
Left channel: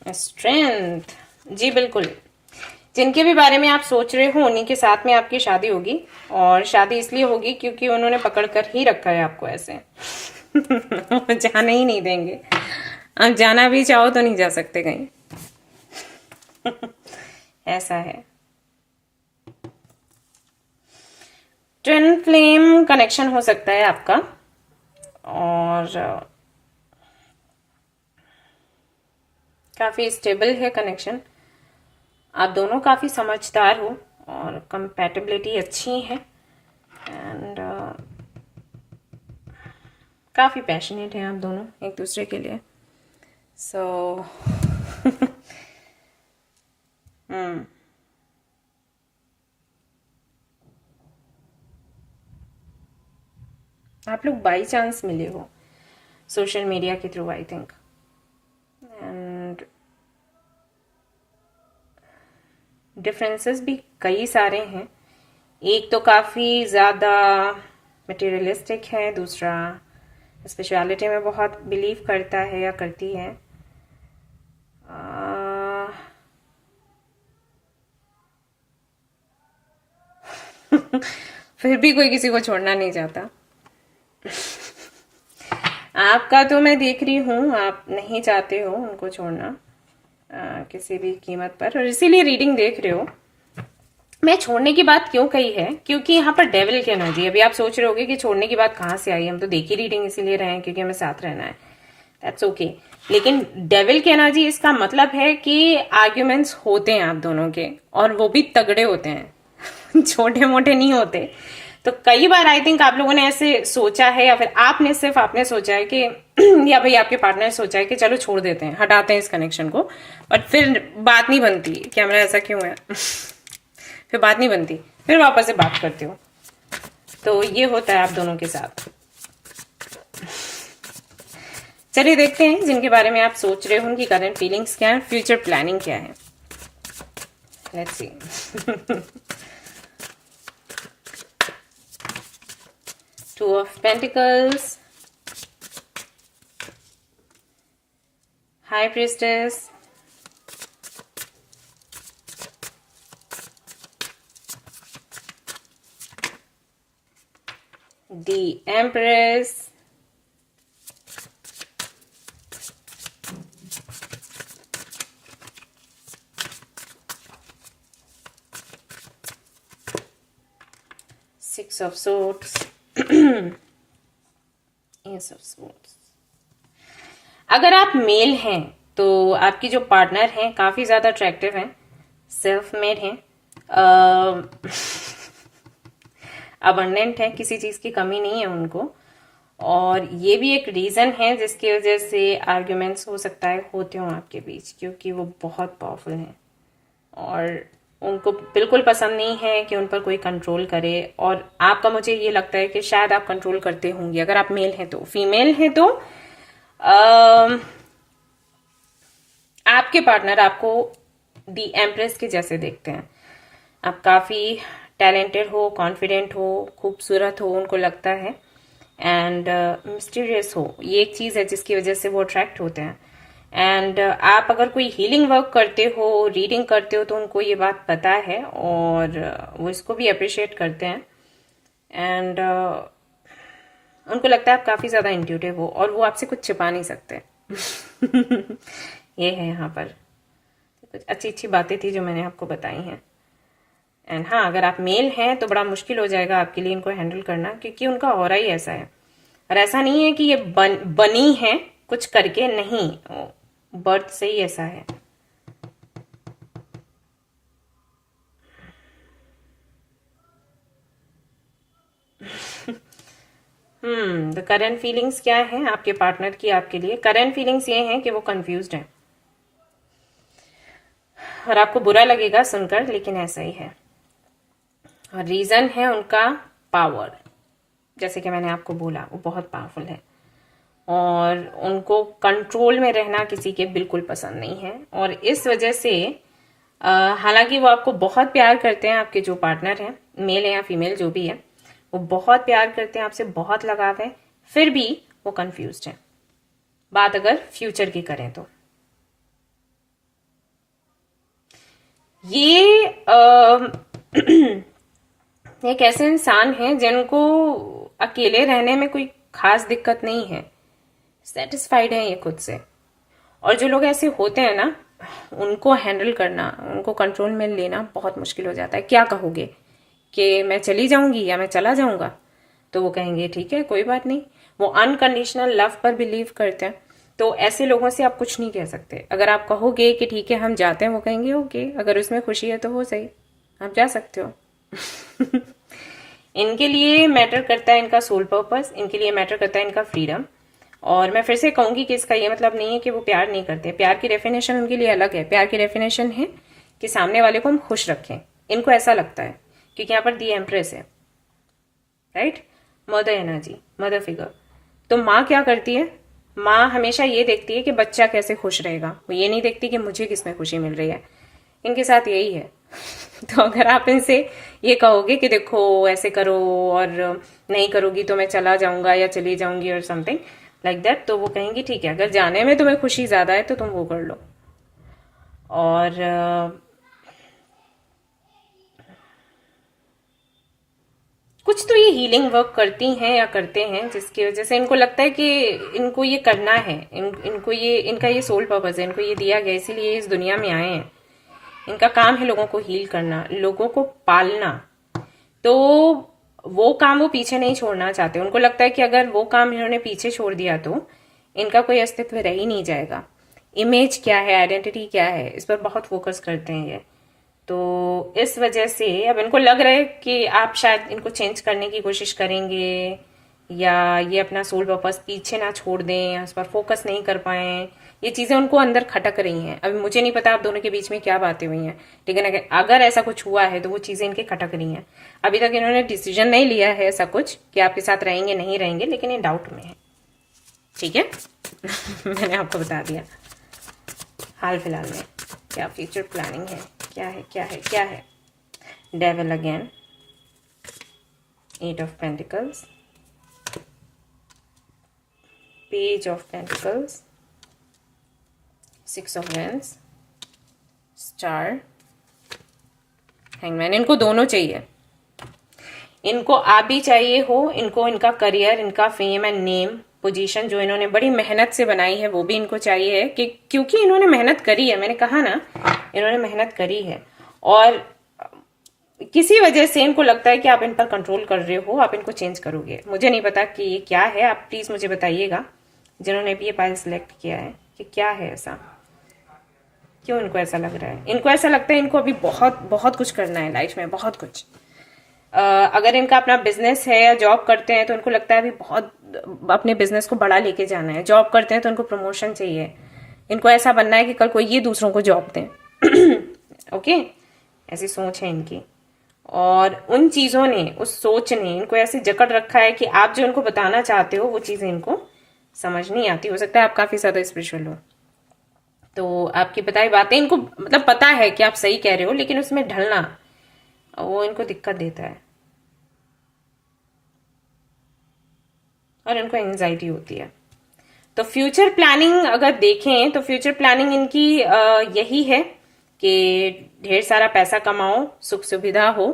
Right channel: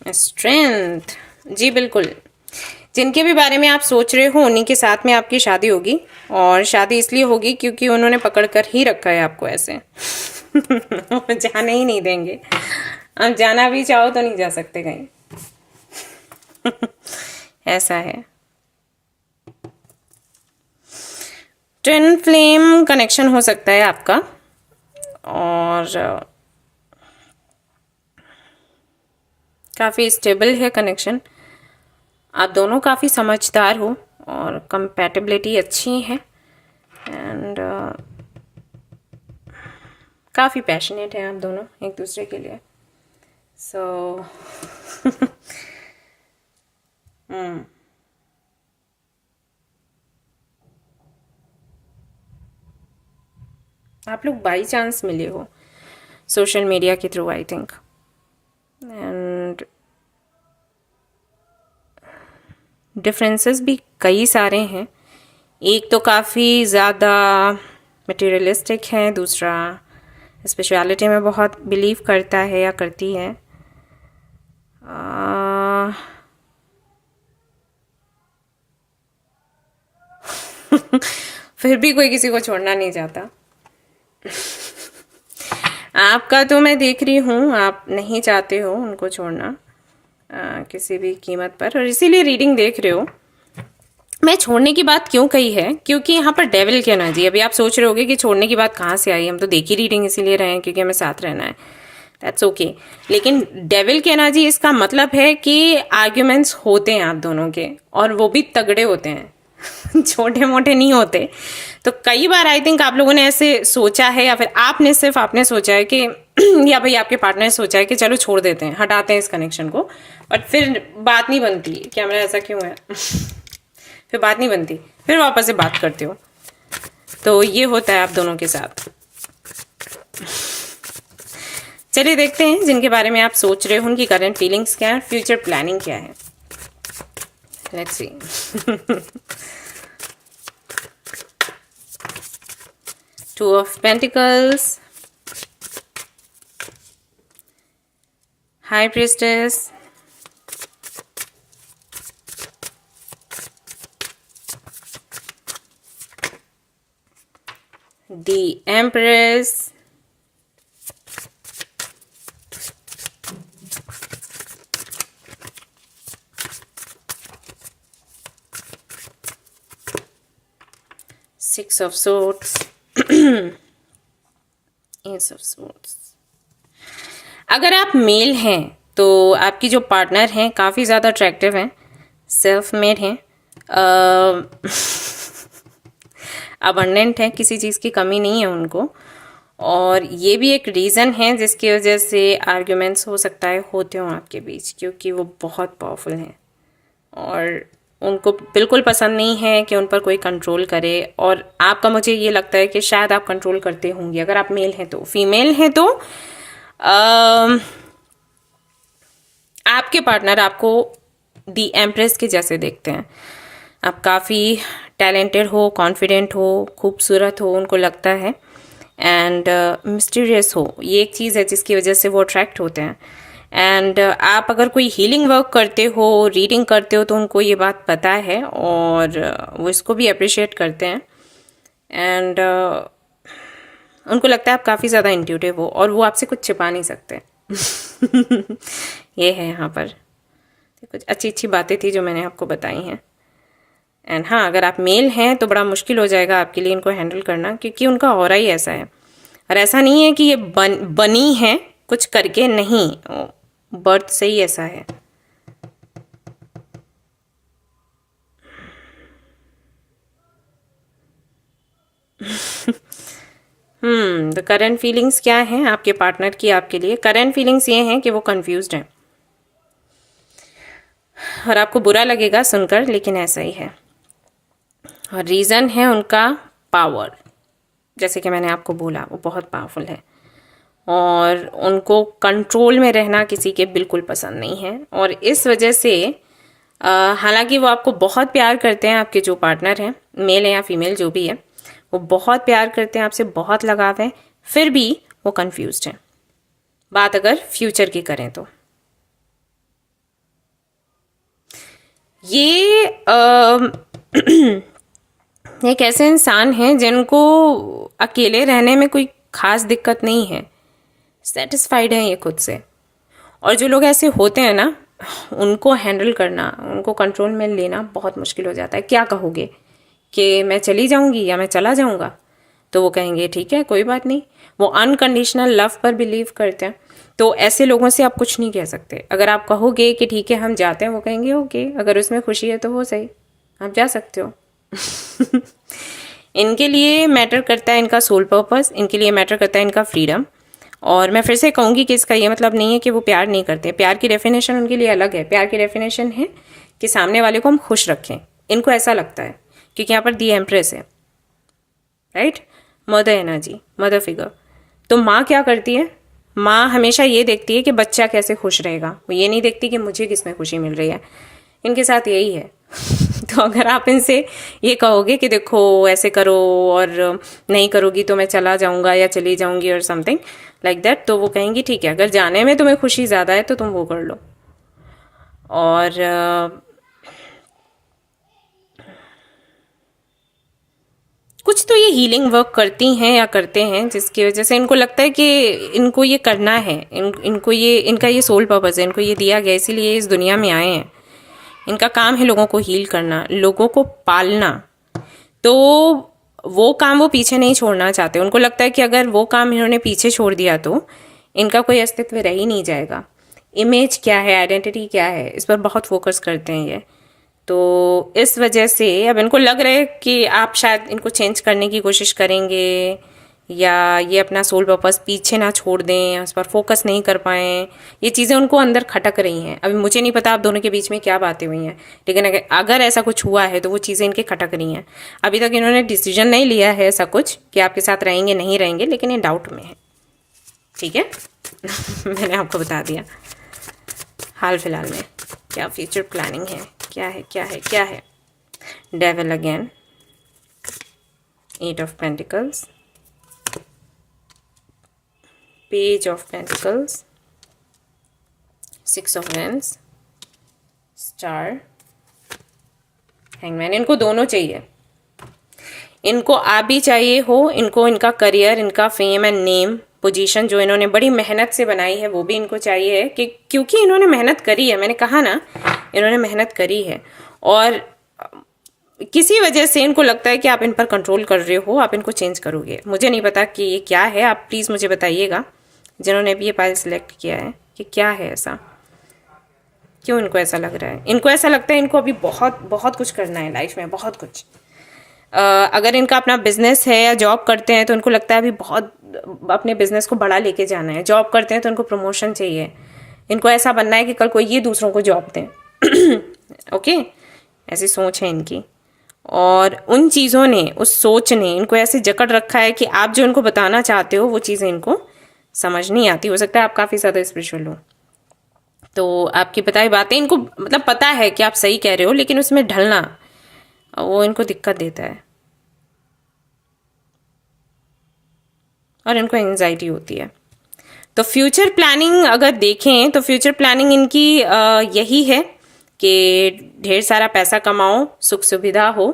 strength. जी बिल्कुल, जिनके भी बारे में आप सोच रहे हो उन्हीं के साथ में आपकी शादी होगी, और शादी इसलिए होगी क्योंकि उन्होंने पकड़ कर ही रखा है आपको ऐसे जाने ही नहीं देंगे। आप जाना भी चाहो तो नहीं जा सकते कहीं ऐसा है। ट्विन फ्लेम कनेक्शन हो सकता है आपका, और काफ़ी स्टेबल है कनेक्शन। आप दोनों काफ़ी समझदार हो और कंपैटिबिलिटी अच्छी है, एंड काफ़ी पैशनेट हैं आप दोनों एक दूसरे के लिए। सो आप लोग बाई चांस मिले हो सोशल मीडिया के through, I think, and differences भी कई सारे हैं। एक तो काफ़ी ज़्यादा मटेरियलिस्टिक है, दूसरा स्पिरिचुअलिटी में बहुत बिलीव करता है या करती है। फिर भी कोई किसी को छोड़ना नहीं चाहता आपका तो मैं देख रही हूँ, आप नहीं चाहते हो उनको छोड़ना किसी भी कीमत पर, और इसीलिए रीडिंग देख रहे हो। मैं छोड़ने की बात क्यों कही है, क्योंकि यहाँ पर डेविल की एनर्जी। अभी आप सोच रहे होगे कि छोड़ने की बात कहाँ से आई, हम तो देख ही रीडिंग इसीलिए रहे हैं क्योंकि हमें साथ रहना है, दैट्स ओके। लेकिन डेविल की एनर्जी, इसका मतलब है कि आर्ग्यूमेंट्स होते हैं आप दोनों के, और वो भी तगड़े होते हैं छोटे मोटे नहीं होते। तो कई बार आई थिंक आप लोगों ने ऐसे सोचा है, या फिर आपने सोचा है कि या भाई आपके पार्टनर ने सोचा है कि चलो छोड़ देते हैं, हटाते हैं इस कनेक्शन को, बट फिर बात नहीं बनती कि हमारा ऐसा क्यों है फिर बात नहीं बनती, फिर वापस से बात करते हो। तो ये होता है आप दोनों के साथ। चलिए देखते हैं जिनके बारे में आप सोच रहे हो उनकी करंट फीलिंग्स क्या है, फ्यूचर प्लानिंग क्या है। Let's see. Two of pentacles, high priestess, the Empress, Six of Swords, Ace of Swords। अगर आप मेल हैं तो आपकी जो पार्टनर हैं काफ़ी ज़्यादा अट्रैक्टिव हैं, सेल्फ मेड हैं, अबंडेंट है, किसी चीज़ की कमी नहीं है उनको। और ये भी एक रीज़न है जिसकी वजह से आर्ग्यूमेंट्स हो सकता है होते हों आपके बीच, क्योंकि वो बहुत पावरफुल हैं और उनको बिल्कुल पसंद नहीं है कि उन पर कोई कंट्रोल करे। और आपका, मुझे ये लगता है कि शायद आप कंट्रोल करते होंगे अगर आप मेल हैं तो। फीमेल हैं तो आपके पार्टनर आपको दी एम्प्रेस के जैसे देखते हैं। आप काफ़ी टैलेंटेड हो, कॉन्फिडेंट हो, खूबसूरत हो, उनको लगता है, एंड मिस्टीरियस हो। ये एक चीज़ है जिसकी वजह से वो अट्रैक्ट होते हैं। एंड आप अगर कोई हीलिंग वर्क करते हो, रीडिंग करते हो, तो उनको ये बात पता है और वो इसको भी अप्रिशिएट करते हैं। एंड उनको लगता है आप काफ़ी ज़्यादा इंट्यूटिव हो और वो आपसे कुछ छिपा नहीं सकते ये है यहाँ पर। कुछ अच्छी अच्छी बातें थी जो मैंने आपको बताई हैं। एंड हाँ, अगर आप मेल हैं तो बड़ा मुश्किल हो जाएगा आपके लिए इनको हैंडल करना, क्योंकि उनका ऑरा ही ऐसा है। और ऐसा नहीं है कि ये बनी है कुछ करके, नहीं, बर्थ से ही ऐसा है। तो करंट फीलिंग्स क्या हैं आपके पार्टनर की आपके लिए? करंट फीलिंग्स ये हैं कि वो कंफ्यूज्ड हैं और आपको बुरा लगेगा सुनकर, लेकिन ऐसा ही है। और रीज़न है उनका पावर। जैसे कि मैंने आपको बोला, वो बहुत पावरफुल है और उनको कंट्रोल में रहना किसी के बिल्कुल पसंद नहीं है। और इस वजह से हालांकि वो आपको बहुत प्यार करते हैं, आपके जो पार्टनर हैं, मेल है या फीमेल जो भी है, वो बहुत प्यार करते हैं, आपसे बहुत लगाव है, फिर भी वो कंफ्यूज्ड हैं। बात अगर फ्यूचर की करें तो ये एक ऐसे इंसान हैं जिनको अकेले रहने में कोई खास दिक्कत नहीं है, सेटिस्फाइड हैं ये खुद से। और जो लोग ऐसे होते हैं ना, उनको हैंडल करना, उनको कंट्रोल में लेना बहुत मुश्किल हो जाता है। क्या कहोगे कि मैं चली जाऊंगी या मैं चला जाऊंगा, तो वो कहेंगे ठीक है कोई बात नहीं। वो अनकंडीशनल लव पर बिलीव करते हैं, तो ऐसे लोगों से आप कुछ नहीं कह सकते। अगर आप कहोगे कि ठीक है हम जाते हैं, वो कहेंगे ओके, अगर उसमें खुशी है तो वो सही, आप जा सकते हो इनके लिए मैटर करता है इनका सोल पर्पस, इनके लिए मैटर करता है इनका फ्रीडम। और मैं फिर से कहूंगी कि इसका ये मतलब नहीं है कि वो प्यार नहीं करते। प्यार की डेफिनेशन उनके लिए अलग है। प्यार की डेफिनेशन है कि सामने वाले को हम खुश रखें, इनको ऐसा लगता है, क्योंकि यहाँ पर दी एम्प्रेस है, right, mother energy, mother figure. तो माँ क्या करती है? माँ हमेशा ये देखती है कि बच्चा कैसे खुश रहेगा, वो ये नहीं देखती कि मुझे किसमें खुशी मिल रही है। इनके साथ यही है तो अगर आप इनसे ये कहोगे कि देखो ऐसे करो और नहीं करोगी तो मैं चला जाऊंगा या चली जाऊंगी और समथिंग लाइक दैट, तो वो कहेंगी ठीक है, अगर जाने में तुम्हें खुशी ज़्यादा है तो तुम वो कर लो। और कुछ तो ये हीलिंग वर्क करती हैं या करते हैं जिसकी वजह से इनको लगता है कि इनको ये करना है, इनको ये, इनका ये सोल पर्पस है, इनको ये दिया गया, इसीलिए इस दुनिया में आए हैं। इनका काम है लोगों को हील करना, लोगों को पालना। तो वो काम वो पीछे नहीं छोड़ना चाहते। उनको लगता है कि अगर वो काम इन्होंने पीछे छोड़ दिया तो इनका कोई अस्तित्व रह ही नहीं जाएगा। इमेज क्या है, आइडेंटिटी क्या है, इस पर बहुत फोकस करते हैं ये। तो इस वजह से अब इनको लग रहा है कि आप शायद इनको चेंज करने की कोशिश करेंगे, या ये अपना सोल पर्पस पीछे ना छोड़ दें, उस पर फोकस नहीं कर पाएँ। ये चीज़ें उनको अंदर खटक रही हैं। अभी मुझे नहीं पता आप दोनों के बीच में क्या बातें हुई हैं, लेकिन अगर ऐसा कुछ हुआ है तो वो चीज़ें इनके खटक रही हैं। अभी तक इन्होंने डिसीजन नहीं लिया है ऐसा कुछ कि आपके साथ रहेंगे नहीं रहेंगे, लेकिन ये डाउट में है। ठीक है मैंने आपको बता दिया। हाल फिलहाल में क्या फ्यूचर प्लानिंग है, क्या है क्या है क्या है। Devil again, 8 of pentacles, page of pentacles, 6 of wands, star, hangman. इनको दोनों चाहिए। इनको आप भी चाहिए हो, इनको इनका करियर, इनका फेम एंड नेम, पोजीशन जो इन्होंने बड़ी मेहनत से बनाई है वो भी इनको चाहिए है, कि क्योंकि इन्होंने मेहनत करी है। मैंने कहा ना, इन्होंने मेहनत करी है और किसी वजह से इनको लगता है कि आप इन पर कंट्रोल कर रहे हो, आप इनको चेंज करोगे। मुझे नहीं पता कि ये क्या है, आप प्लीज़ मुझे बताइएगा जिन्होंने भी ये पाइल सिलेक्ट किया है कि क्या है ऐसा, क्यों इनको ऐसा लग रहा है। इनको ऐसा लगता है इनको अभी बहुत बहुत कुछ करना है लाइफ में, बहुत कुछ। अगर इनका अपना बिजनेस है या जॉब करते हैं तो इनको लगता है अभी बहुत अपने बिजनेस को बड़ा लेके जाना है। जॉब करते हैं तो इनको प्रमोशन चाहिए, इनको ऐसा बनना है कि कल कोई ये दूसरों को जॉब दें ओके, ऐसी सोच है इनकी। और उन चीज़ों ने, उस सोच ने इनको ऐसे जकड़ रखा है कि आप जो इनको बताना चाहते हो वो चीज़ें इनको समझ नहीं आती। हो सकता है आप काफ़ी ज़्यादा स्पिरिचुअल हो, तो आपकी बताई बातें इनको मतलब पता है कि आप सही कह रहे हो, लेकिन उसमें ढलना वो इनको दिक्कत देता है और इनको एंजाइटी होती है। तो फ्यूचर प्लानिंग अगर देखें तो फ्यूचर प्लानिंग इनकी यही है कि ढेर सारा पैसा कमाओ, सुख सुविधा हो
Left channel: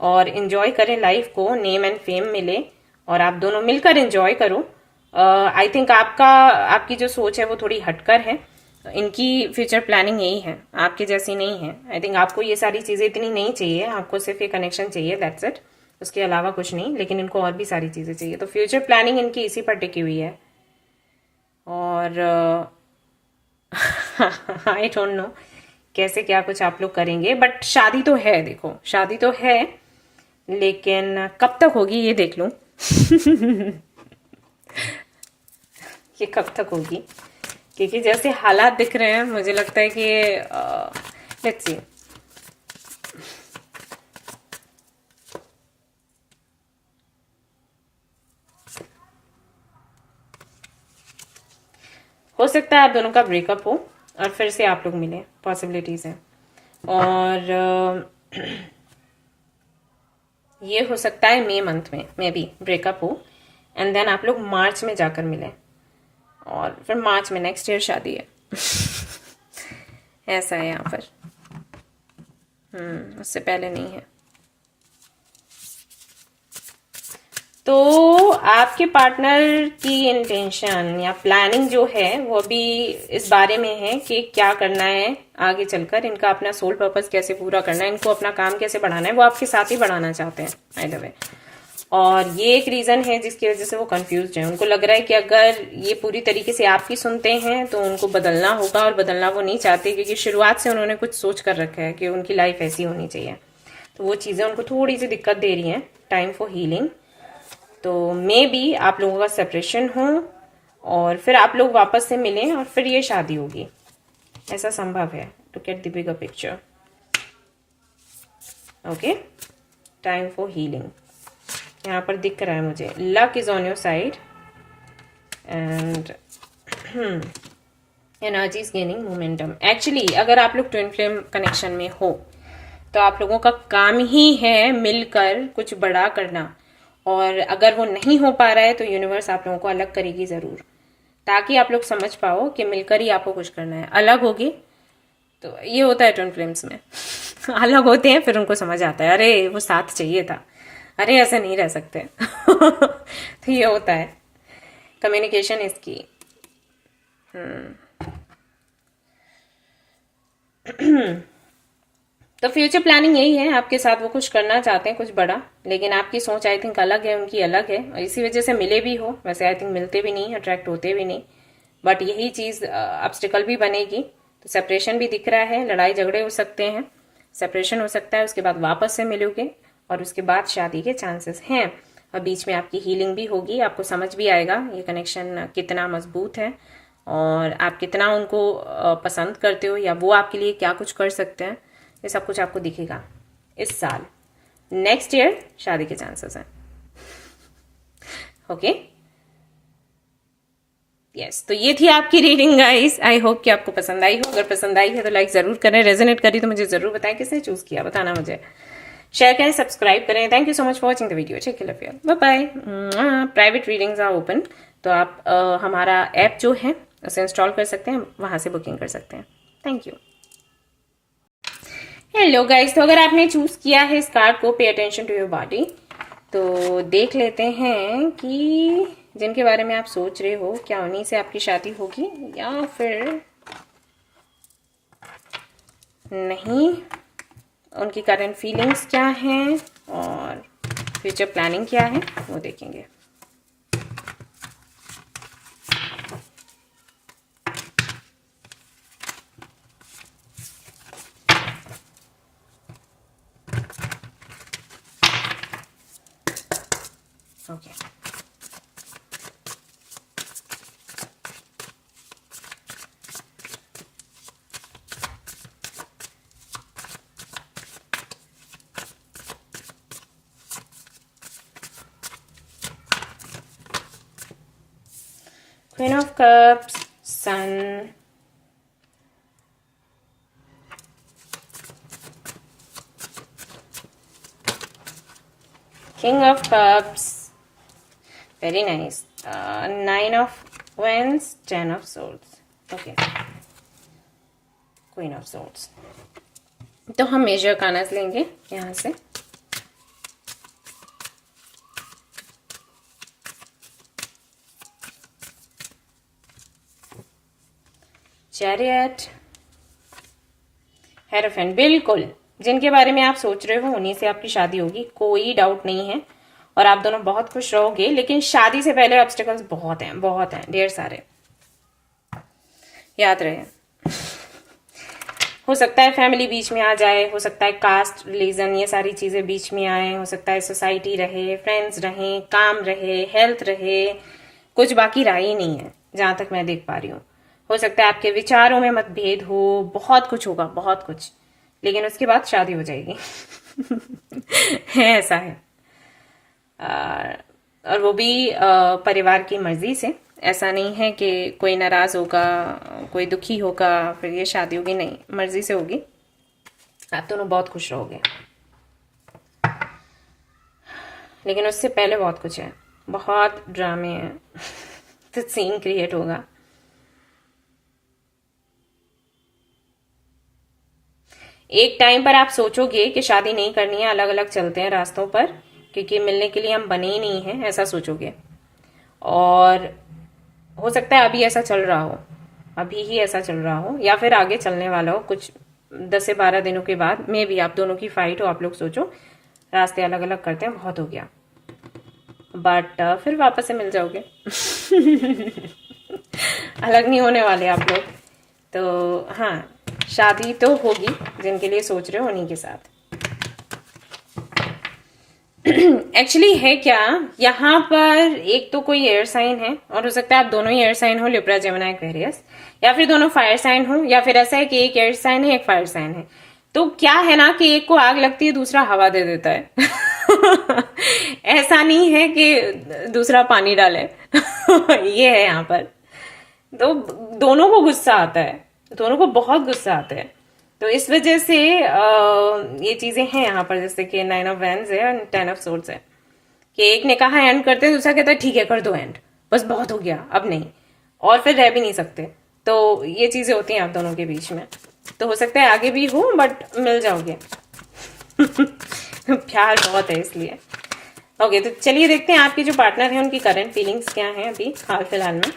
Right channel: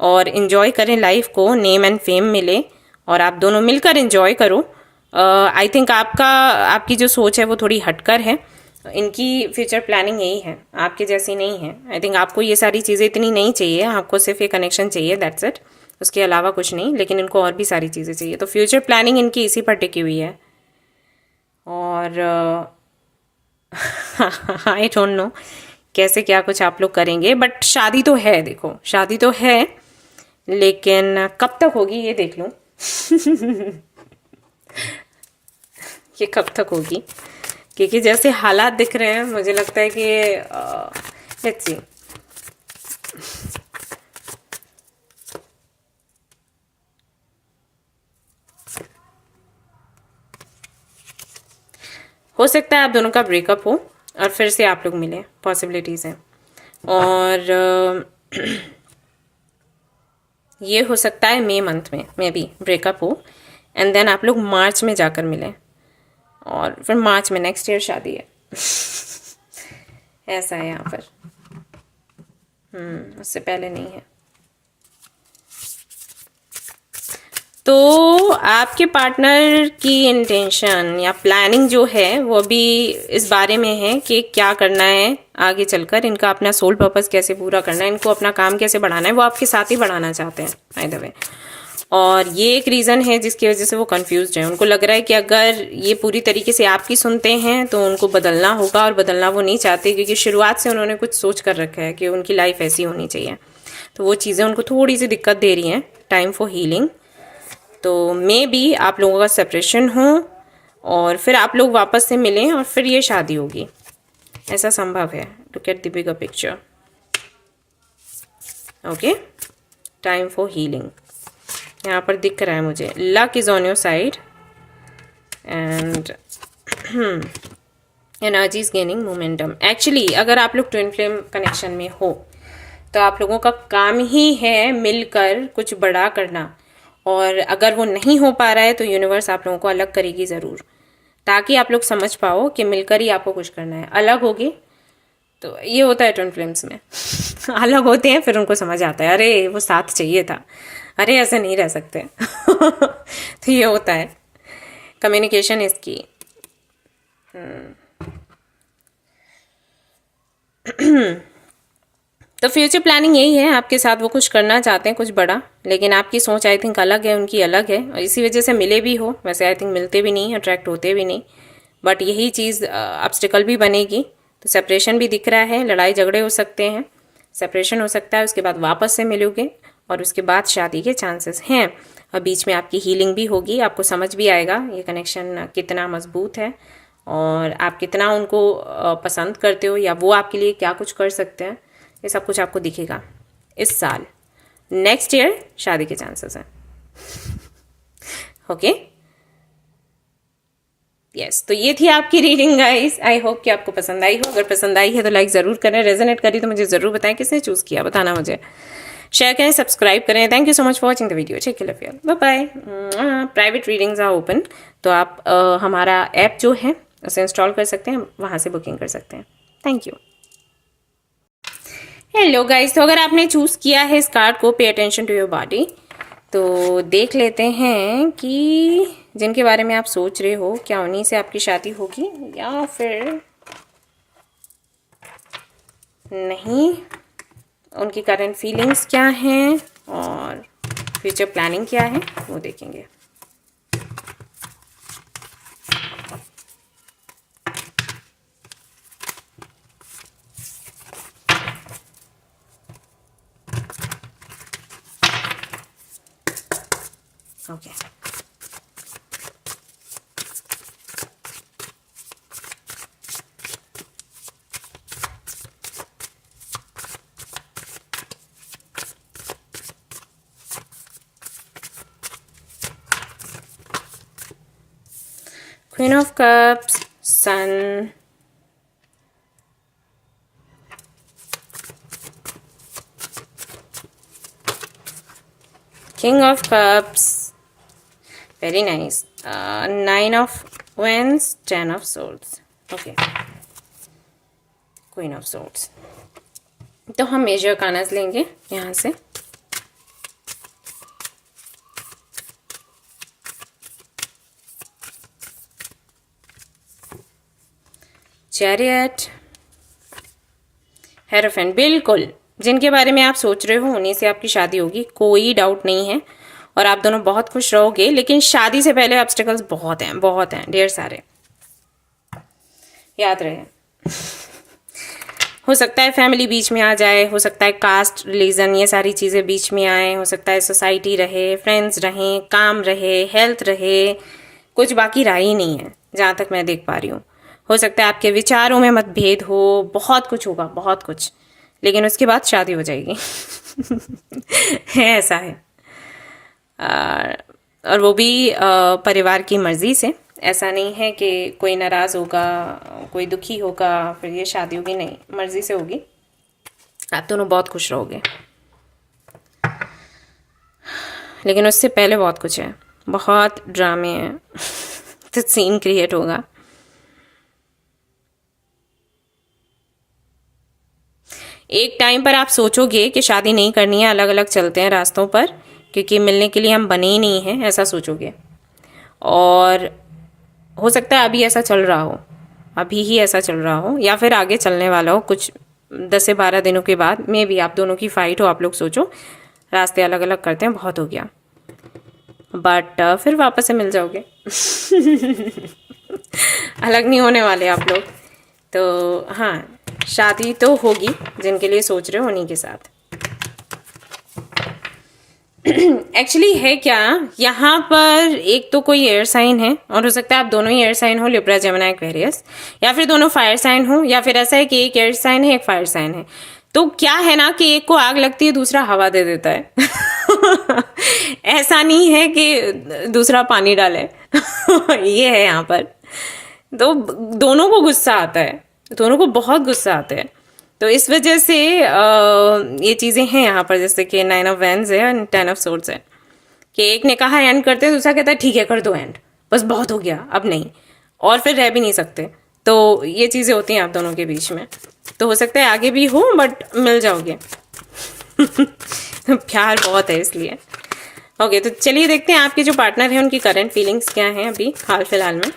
और इन्जॉय करें लाइफ को, नेम एंड फेम मिले और आप दोनों मिलकर इन्जॉय करो। आई थिंक आपकी जो सोच है वो थोड़ी हटकर है। इनकी फ्यूचर प्लानिंग यही है, आपके जैसी नहीं है। आई थिंक आपको ये सारी चीज़ें इतनी नहीं चाहिए, आपको सिर्फ ये कनेक्शन चाहिए, दैट्स इट, उसके अलावा कुछ नहीं। लेकिन इनको और भी सारी चीज़ें चाहिए। तो फ्यूचर प्लानिंग इनकी इसी पर टिकी हुई है। और आई डोंट नो कैसे क्या कुछ आप लोग करेंगे, बट शादी तो है, देखो शादी तो है, लेकिन कब तक होगी ये देख लो ये कब तक होगी, क्योंकि जैसे हालात दिख रहे हैं मुझे लगता है कि लेट्स सी। हो सकता है आप दोनों का ब्रेकअप हो और फिर से आप लोग मिले, पॉसिबिलिटीज़ हैं। और ये हो सकता है मई मंथ में भी ब्रेकअप हो एंड देन आप लोग मार्च में जाकर मिलें और फिर मार्च में नेक्स्ट ईयर शादी है ऐसा है यहाँ पर। उससे पहले नहीं है। तो आपके पार्टनर की इंटेंशन या प्लानिंग जो है वो भी इस बारे में है कि क्या करना है आगे चलकर, इनका अपना सोल पर्पस कैसे पूरा करना है, इनको अपना काम कैसे बढ़ाना है, वो आपके साथ ही बढ़ाना चाहते हैं बाय द वे। और ये एक रीज़न है जिसकी वजह से वो कंफ्यूज्ड है। उनको लग रहा है कि अगर ये पूरी तरीके से आपकी सुनते हैं तो उनको बदलना होगा, और बदलना वो नहीं चाहते क्योंकि शुरुआत से उन्होंने कुछ सोच कर रखा है कि उनकी लाइफ ऐसी होनी चाहिए। तो वो चीज़ें उनको थोड़ी सी दिक्कत दे रही हैं। Time for healing. तो मे बी आप लोगों का सेपरेशन हो और फिर आप लोग वापस से मिलें और फिर ये शादी होगी, ऐसा संभव है। Look at the bigger picture. Okay, time for healing यहाँ पर दिख रहा है मुझे। Luck is on your side and energy is gaining momentum. Actually अगर आप लोग ट्विन फ्लेम कनेक्शन में हो तो आप लोगों का काम ही है मिलकर कुछ बड़ा करना, और अगर वो नहीं हो पा रहा है तो यूनिवर्स आप लोगों को अलग करेगी ज़रूर, ताकि आप लोग समझ पाओ कि मिलकर ही आपको कुछ करना है। अलग होगे तो ये होता है ट्विन फ्लेम्स में अलग होते हैं फिर उनको समझ आता है अरे वो साथ चाहिए था, अरे ऐसे नहीं रह सकते तो ये होता है। कम्युनिकेशन इज की। तो फ्यूचर प्लानिंग यही है, आपके साथ वो कुछ करना चाहते हैं कुछ बड़ा, लेकिन आपकी सोच आई थिंक अलग है, उनकी अलग है, और इसी वजह से मिले भी हो। वैसे आई थिंक मिलते भी नहीं, अट्रैक्ट होते भी नहीं, बट यही चीज़ ऑब्स्टिकल भी बनेगी। तो सेपरेशन भी दिख रहा है, लड़ाई झगड़े हो सकते हैं, सेपरेशन हो सकता है, उसके बाद वापस से मिलोगे और उसके बाद शादी के चांसेस हैं। और बीच में आपकी हीलिंग भी होगी, आपको समझ भी आएगा ये कनेक्शन कितना मजबूत है और आप कितना उनको पसंद करते हो, या वो आपके लिए क्या कुछ कर सकते हैं, ये सब कुछ आपको दिखेगा इस साल। नेक्स्ट ईयर शादी के चांसेस हैं। ओके, यस, तो ये थी आपकी रीडिंग गाइस। आई होप कि आपको पसंद आई हो। अगर पसंद आई है तो लाइक ज़रूर करें, रेजोनेट करी तो मुझे ज़रूर बताएं किसने चूज़ किया, बताना मुझे। शेयर करें, सब्सक्राइब करें। Thank you so much for watching the video. Take care, bye bye. Private readings are open, तो आप हमारा ऐप जो है उसे इंस्टॉल कर सकते हैं, वहाँ से बुकिंग कर सकते हैं। Thank you. हेलो गाइस, तो अगर आपने चूज़ किया है इस कार्ड को, पे अटेंशन टू योर बॉडी, तो देख लेते हैं कि जिनके बारे में आप सोच रहे हो क्या उन्हीं से आपकी शादी होगी या फिर नहीं, उनकी करंट फीलिंग्स क्या हैं और फ्यूचर प्लानिंग क्या है वो देखेंगे। Okay, Queen of Cups, Sun, King of Cups, very nice, Nine of Wands, Ten of Swords, okay, Queen of Swords। तो हम मेजर कानस लेंगे यहाँ से। चैरियट, हेरोफेंट, बिल्कुल जिनके बारे में आप सोच रहे हो उन्हीं से आपकी शादी होगी, कोई डाउट नहीं है, और आप दोनों बहुत खुश रहोगे। लेकिन शादी से पहले ऑब्स्टिकल्स बहुत हैं, ढेर सारे, याद रहे। हो सकता है फैमिली बीच में आ जाए, हो सकता है कास्ट, रिलीजन, ये सारी चीज़ें बीच में आए, हो सकता है सोसाइटी रहे, फ्रेंड्स रहें, काम रहे, हेल्थ रहे, कुछ बाकी रहा ही नहीं है जहाँ तक मैं देख पा रही हूँ। हो सकता है आपके विचारों में मतभेद हो, बहुत कुछ होगा, बहुत कुछ, लेकिन उसके बाद शादी हो जाएगी। है, ऐसा है। और वो भी परिवार की मर्जी से। ऐसा नहीं है कि कोई नाराज़ होगा, कोई दुखी होगा फिर ये शादी होगी, नहीं, मर्जी से होगी। आप दोनों बहुत खुश रहोगे, लेकिन उससे पहले बहुत कुछ है, बहुत ड्रामे हैं। तो सीन क्रिएट होगा। एक टाइम पर आप सोचोगे कि शादी नहीं करनी है, अलग अलग चलते हैं रास्तों पर, क्योंकि मिलने के लिए हम बने ही नहीं हैं, ऐसा सोचोगे। और हो सकता है अभी ऐसा चल रहा हो, अभी ही ऐसा चल रहा हो, या फिर आगे चलने वाला हो, कुछ 10 से 12 दिनों के बाद मे भी आप दोनों की फाइट हो। आप लोग सोचो रास्ते अलग अलग करते हैं, बहुत हो गया, बट फिर वापस से मिल जाओगे। अलग नहीं होने वाले आप लोग। तो हाँ, शादी तो होगी, जिनके लिए सोच रहे हो उन्हीं के साथ। एक्चुअली है क्या, यहाँ पर एक तो कोई एयर साइन है, और हो सकता है आप दोनों ही एयर साइन हो, लिब्रा, जेमिनी, एक्वेरियस, या फिर दोनों फायर साइन हो, या फिर ऐसा है कि एक एयर साइन है, एक फायर साइन है। तो क्या है ना कि एक को आग लगती है, दूसरा हवा दे देता है। ऐसा नहीं है कि दूसरा पानी डाले। ये है यहाँ पर। तो दोनों को गुस्सा आता है, दोनों को बहुत गुस्सा आता है। तो इस वजह से ये चीज़ें हैं यहाँ पर, जैसे कि 9 ऑफ वैंड्स है और 10 ऑफ सोर्ड्स है, कि एक ने कहा एंड करते हैं, दूसरा कहता है ठीक है कर दो एंड, बस बहुत हो गया अब नहीं, और फिर रह भी नहीं सकते। तो ये चीज़ें होती हैं आप दोनों के बीच में। तो हो सकता है आगे भी हो, बट मिल जाओगे। प्यार बहुत है इसलिए। ओके, तो चलिए देखते हैं आपके जो पार्टनर हैं उनकी करंट फीलिंग्स क्या हैं अभी हाल फिलहाल में।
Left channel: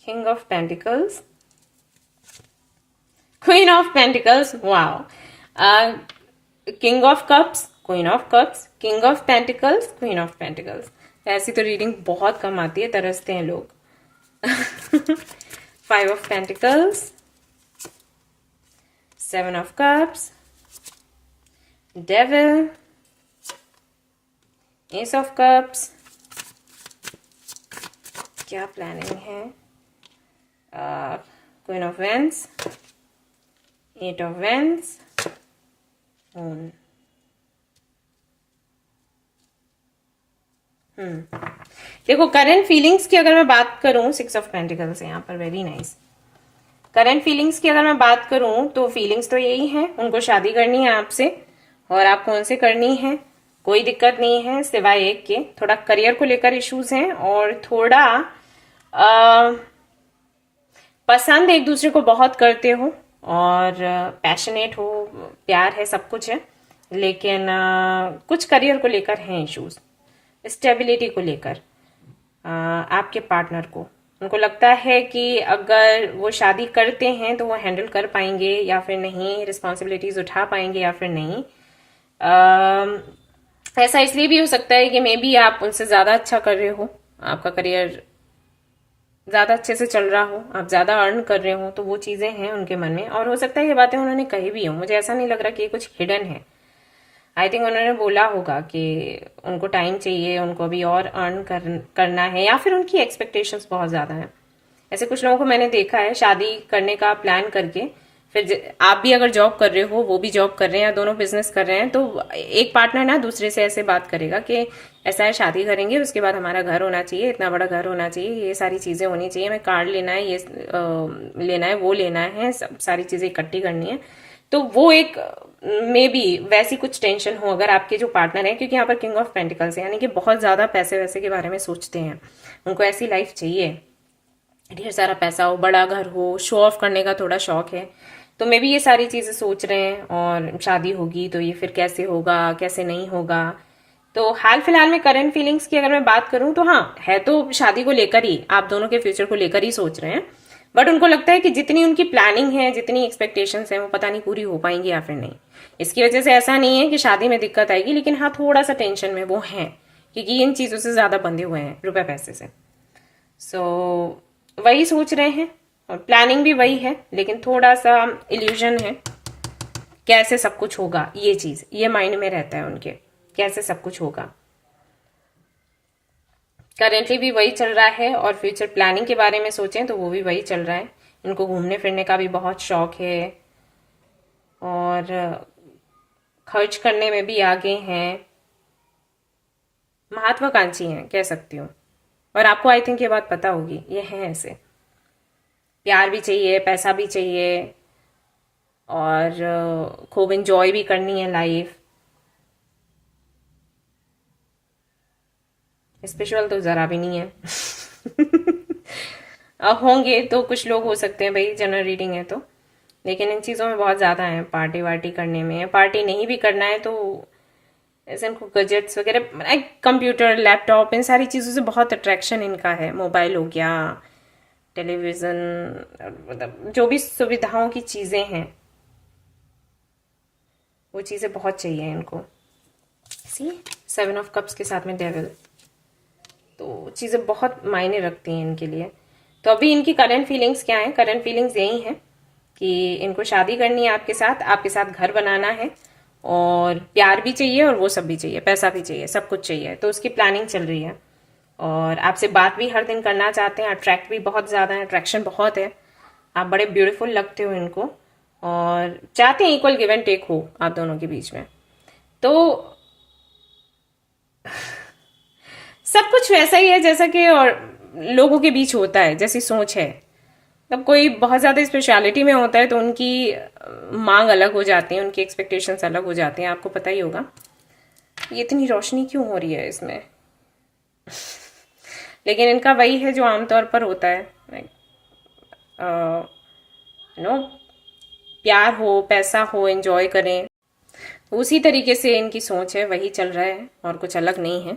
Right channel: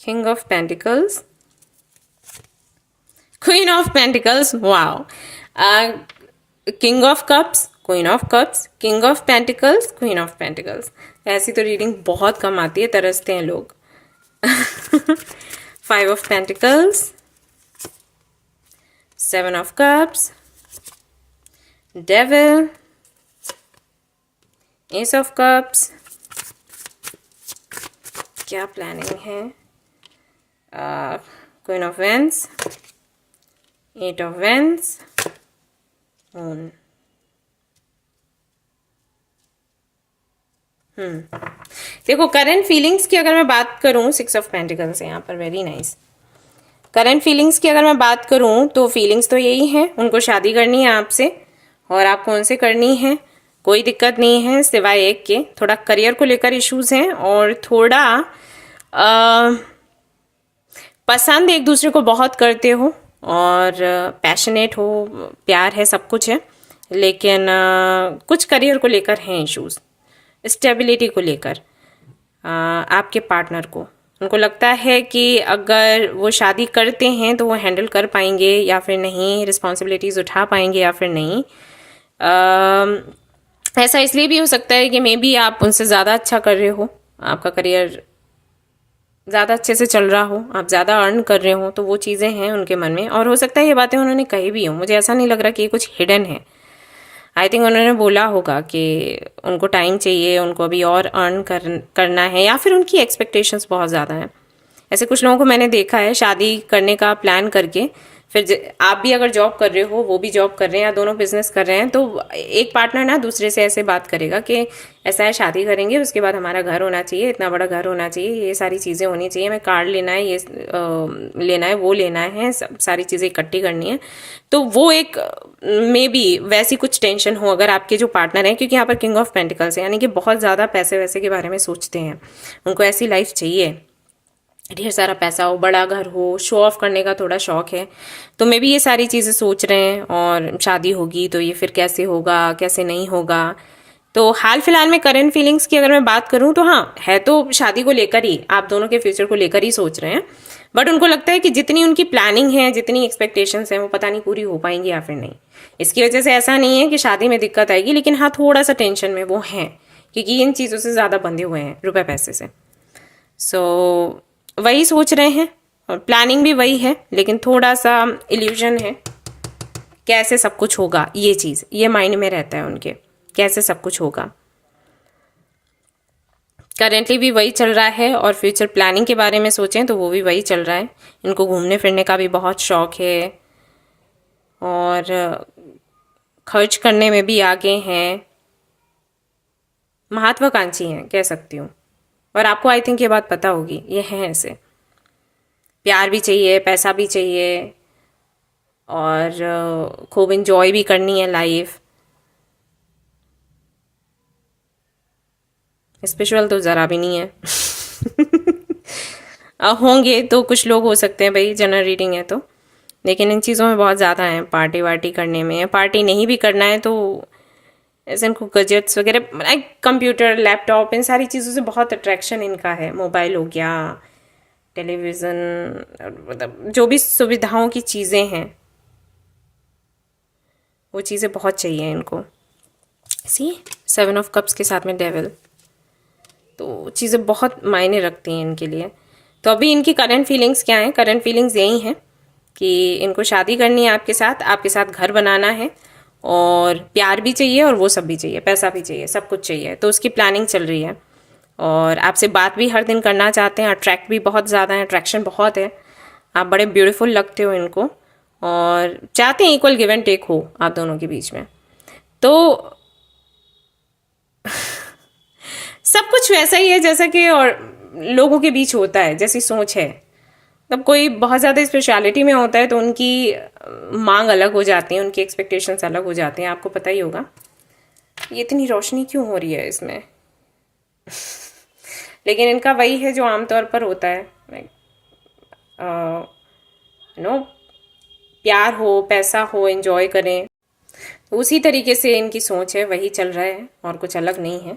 King of pentacles, queen of pentacles, wow. King of cups, queen of cups, king of pentacles, queen of pentacles. ऐसी तो रीडिंग बहुत कम आती है, तरसते हैं लोग। Five of pentacles, seven of cups, devil, ace of cups. क्या प्लानिंग है? Queen of wands, eight of wands, moon. देखो करंट फीलिंग्स की अगर मैं बात करूं, सिक्स ऑफ पेंटिकल्स है यहाँ पर, वेरी नाइस। करंट फीलिंग्स की अगर मैं बात करूं तो फीलिंग्स तो यही है, उनको शादी करनी है आपसे, और आपको उनसे करनी है, कोई दिक्कत नहीं है सिवाय एक के, थोड़ा करियर को लेकर इश्यूज हैं और थोड़ा पसंद एक दूसरे को बहुत करते हो और पैशनेट हो, प्यार है, सब कुछ है, लेकिन कुछ करियर को लेकर हैं इश्यूज, स्टेबिलिटी को लेकर। आपके पार्टनर को उनको लगता है कि अगर वो शादी करते हैं तो वो हैंडल कर पाएंगे या फिर नहीं, रिस्पॉन्सिबिलिटीज उठा पाएंगे या फिर नहीं। ऐसा इसलिए भी हो सकता है कि मे बी आप उनसे ज़्यादा अच्छा कर रहे हो, आपका करियर ज़्यादा अच्छे से चल रहा हो, आप ज़्यादा अर्न कर रहे हो, तो वो चीज़ें हैं उनके मन में। और हो सकता है ये बातें उन्होंने कही भी हो, मुझे ऐसा नहीं लग रहा कि ये कुछ हिडन है। आई थिंक उन्होंने बोला होगा कि उनको टाइम चाहिए, उनको अभी और अर्न करना है, या फिर उनकी एक्सपेक्टेशंस बहुत ज़्यादा हैं। ऐसे कुछ लोगों को मैंने देखा है शादी करने का प्लान करके, फिर आप भी अगर जॉब कर रहे हो, वो भी जॉब कर रहे हैं, या दोनों बिजनेस कर रहे हैं, तो एक पार्टनर ना दूसरे से ऐसे बात करेगा कि ऐसा है, शादी करेंगे, उसके बाद हमारा घर होना चाहिए, इतना बड़ा घर होना चाहिए, ये सारी चीज़ें होनी चाहिए, हमें कार लेना है, ये लेना है, वो लेना है, सब सारी चीज़ें इकट्ठी करनी है। तो वो एक मे बी वैसी कुछ टेंशन हो अगर आपके जो पार्टनर हैं, क्योंकि यहाँ पर किंग ऑफ पेंटिकल्स है, यानी कि बहुत ज़्यादा पैसे वैसे के बारे में सोचते हैं, उनको ऐसी लाइफ चाहिए, ढेर सारा पैसा हो, बड़ा घर हो, शो ऑफ करने का थोड़ा शौक है, तो मे बी ये सारी चीज़ें सोच रहे हैं। और शादी होगी तो ये फिर कैसे होगा, कैसे नहीं होगा। तो हाल फिलहाल में करंट फीलिंग्स की अगर मैं बात करूं तो हाँ, है तो शादी को लेकर ही, आप दोनों के फ्यूचर को लेकर ही सोच रहे हैं, बट उनको लगता है कि जितनी उनकी प्लानिंग है, जितनी एक्सपेक्टेशंस हैं, वो पता नहीं पूरी हो पाएंगी या फिर नहीं। इसकी वजह से ऐसा नहीं है कि शादी में दिक्कत आएगी, लेकिन हाँ थोड़ा सा टेंशन में वो हैं, क्योंकि इन चीज़ों से ज़्यादा बंधे हुए हैं, रुपए पैसे से। सो वही सोच रहे हैं, और प्लानिंग भी वही है, लेकिन थोड़ा सा इल्यूजन है, कैसे सब कुछ होगा, ये चीज़ ये माइंड में रहता है उनके, कैसे सब कुछ होगा। करेंटली भी वही चल रहा है, और फ्यूचर प्लानिंग के बारे में सोचें तो वो भी वही चल रहा है। इनको घूमने फिरने का भी बहुत शौक है, और खर्च करने में भी आगे हैं, महत्वाकांक्षी हैं कह सकती हूँ। और आपको आई थिंक ये बात पता होगी, ये हैं ऐसे, प्यार भी चाहिए, पैसा भी चाहिए, और खूब इंजॉय भी करनी है लाइफ। स्पिरिचुअल तो ज़रा भी नहीं है। होंगे तो कुछ लोग हो सकते हैं भाई, जनरल रीडिंग है तो, लेकिन इन चीज़ों में बहुत ज़्यादा है, पार्टी वार्टी करने में। पार्टी नहीं भी करना है तो ऐसे इनको गजेट्स वगैरह, कंप्यूटर, लैपटॉप, इन सारी चीज़ों से बहुत अट्रैक्शन इनका है। मोबाइल हो गया, टेलीविज़न, मतलब जो भी सुविधाओं की चीज़ें हैं वो चीज़ें बहुत चाहिए इनको। सी सेवन ऑफ कप्स के साथ में डेविल, तो चीज़ें बहुत मायने रखती हैं इनके लिए। तो अभी इनकी करंट फीलिंग्स क्या हैं? करंट फीलिंग्स यही हैं कि इनको शादी करनी है आपके साथ घर बनाना है, और प्यार भी चाहिए, और वो सब भी चाहिए, पैसा भी चाहिए, सब कुछ चाहिए। तो उसकी प्लानिंग चल रही है, और आपसे बात भी हर दिन करना चाहते हैं, अट्रैक्ट भी बहुत ज़्यादा है, अट्रैक्शन बहुत है, आप बड़े ब्यूटीफुल लगते हो इनको, और चाहते हैं इक्वल गिव एंड टेक हो आप दोनों के बीच में। तो सब कुछ वैसा ही है जैसा कि और लोगों के बीच होता है, जैसी सोच है। तब कोई बहुत ज़्यादा स्पेशलिटी में होता है तो उनकी मांग अलग हो जाती है, उनकी एक्सपेक्टेशंस अलग हो जाती हैं, आपको पता ही होगा। ये इतनी रोशनी क्यों हो रही है इसमें? लेकिन इनका वही है जो आमतौर पर होता है, नो, प्यार हो, पैसा हो, एंजॉय करें, उसी तरीके से इनकी सोच है, वही चल रहा है, और कुछ अलग नहीं है।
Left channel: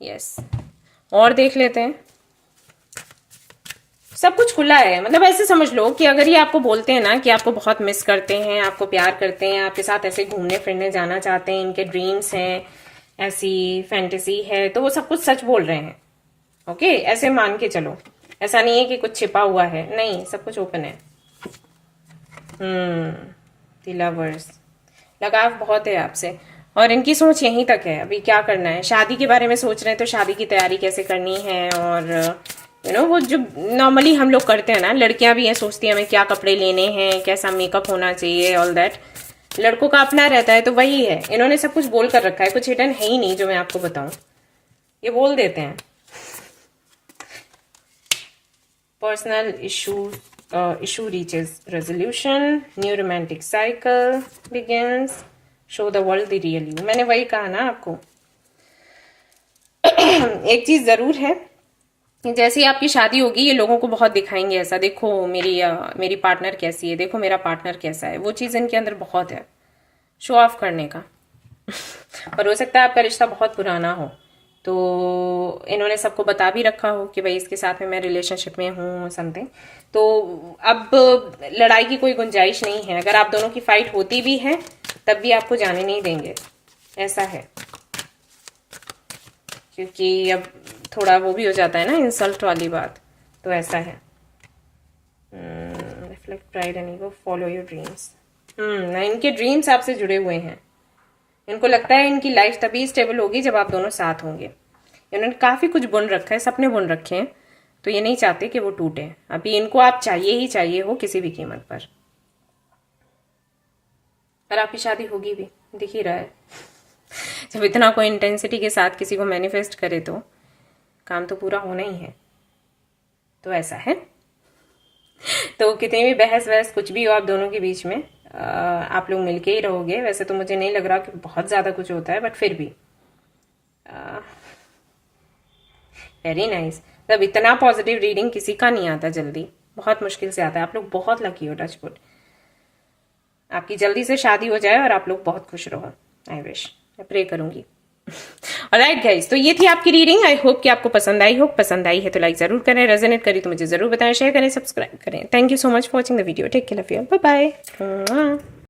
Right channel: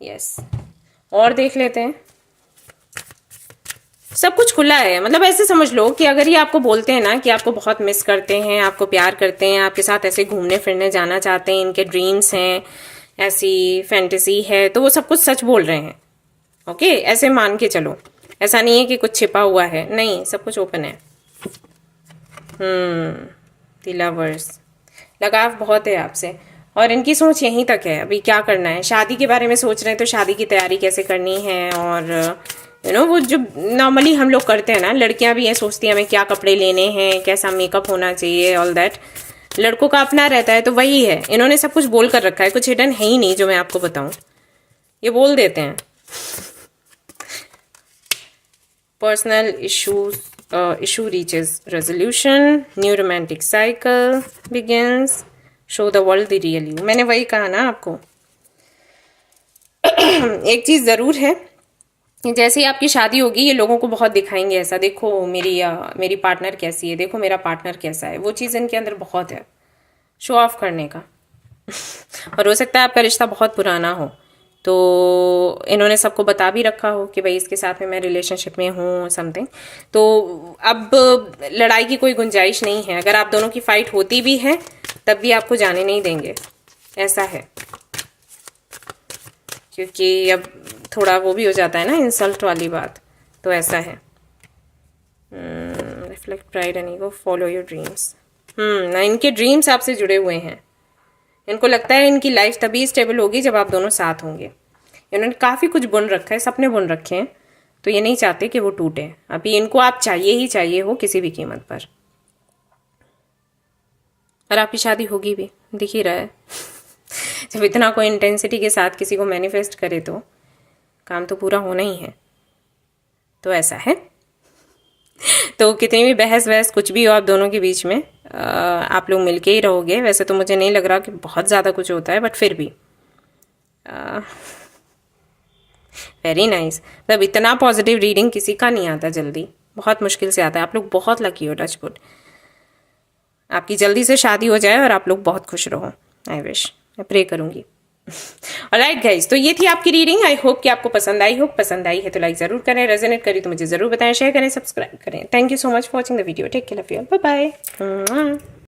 यस, और देख लेते हैं। सब कुछ खुला है। मतलब ऐसे समझ लो कि अगर ये आपको बोलते हैं ना कि आपको बहुत मिस करते हैं, आपको प्यार करते हैं, आपके साथ ऐसे घूमने फिरने जाना चाहते हैं, इनके ड्रीम्स हैं, ऐसी फैंटेसी है, तो वो सब कुछ सच बोल रहे हैं। ओके, ऐसे मान के चलो। ऐसा नहीं है कि कुछ छिपा हुआ है, नहीं, सब कुछ ओपन है। द लवर्स, लगाव बहुत है आपसे और इनकी सोच यहीं तक है। अभी क्या करना है, शादी के बारे में सोच रहे हैं तो शादी की तैयारी कैसे करनी है, और वो जो नॉर्मली हम लोग करते हैं ना, लड़कियां भी ये सोचती हैं हमें क्या कपड़े लेने हैं, कैसा मेकअप होना चाहिए, ऑल दैट। लड़कों का अपना रहता है, तो वही है। इन्होंने सब कुछ बोल कर रखा है, कुछ हिडन है ही नहीं जो मैं आपको बताऊं, ये बोल देते हैं। Personal issue reaches resolution, new romantic cycle begins, show the world the real you। मैंने वही कहा ना आपको। एक चीज जरूर है, जैसे ही आपकी शादी होगी ये लोगों को बहुत दिखाएंगे, ऐसा देखो मेरी पार्टनर कैसी है, देखो मेरा पार्टनर कैसा है। वो चीज इनके अंदर बहुत है, शो ऑफ करने का। और हो सकता है आपका रिश्ता बहुत पुराना हो, तो इन्होंने सबको बता भी रखा हो कि भाई इसके साथ में मैं रिलेशनशिप में हूँ समथिंग। तो अब लड़ाई की कोई गुंजाइश नहीं है। अगर आप दोनों की फाइट होती भी है तब भी आपको जाने नहीं देंगे, ऐसा है। क्योंकि अब थोड़ा वो भी हो जाता है ना, इंसल्ट वाली बात, तो ऐसा है। Reflect pride and ego, follow your dreams. ना इनके ड्रीम्स आपसे जुड़े हुए हैं। इनको लगता है इनकी लाइफ तभी स्टेबल होगी जब आप दोनों साथ होंगे। इन्होंने काफ़ी कुछ बुन रखा है, सपने बुन रखे हैं, तो ये नहीं चाहते कि वो टूटे। अभी इनको आप चाहिए ही चाहिए हो किसी भी कीमत पर। और आपकी शादी होगी भी, दिख ही रहा है। जब इतना कोई इंटेंसिटी के साथ किसी को मैनिफेस्ट करे तो काम तो पूरा होना ही है। तो ऐसा है। तो कितनी भी बहस वहस कुछ भी हो आप दोनों के बीच में, आप लोग मिलके ही रहोगे। वैसे तो मुझे नहीं लग रहा कि बहुत ज़्यादा कुछ होता है, बट फिर भी वेरी नाइस। मतलब इतना पॉजिटिव रीडिंग किसी का नहीं आता जल्दी, बहुत मुश्किल से आता है। आप लोग बहुत लकी हो, टच वुड। आपकी जल्दी से शादी हो जाए और आप लोग बहुत खुश रहो। आई विश, मैं प्रे करूंगी। ऑलराइट गाइस, तो ये थी आपकी रीडिंग। आई होप कि आपको पसंद आई हो। पसंद आई है तो लाइक जरूर करें, रेजोनेट करी तो मुझे जरूर बताएं, शेयर करें, सब्सक्राइब करें। Thank you so much for watching the video. Take care, love you, bye bye.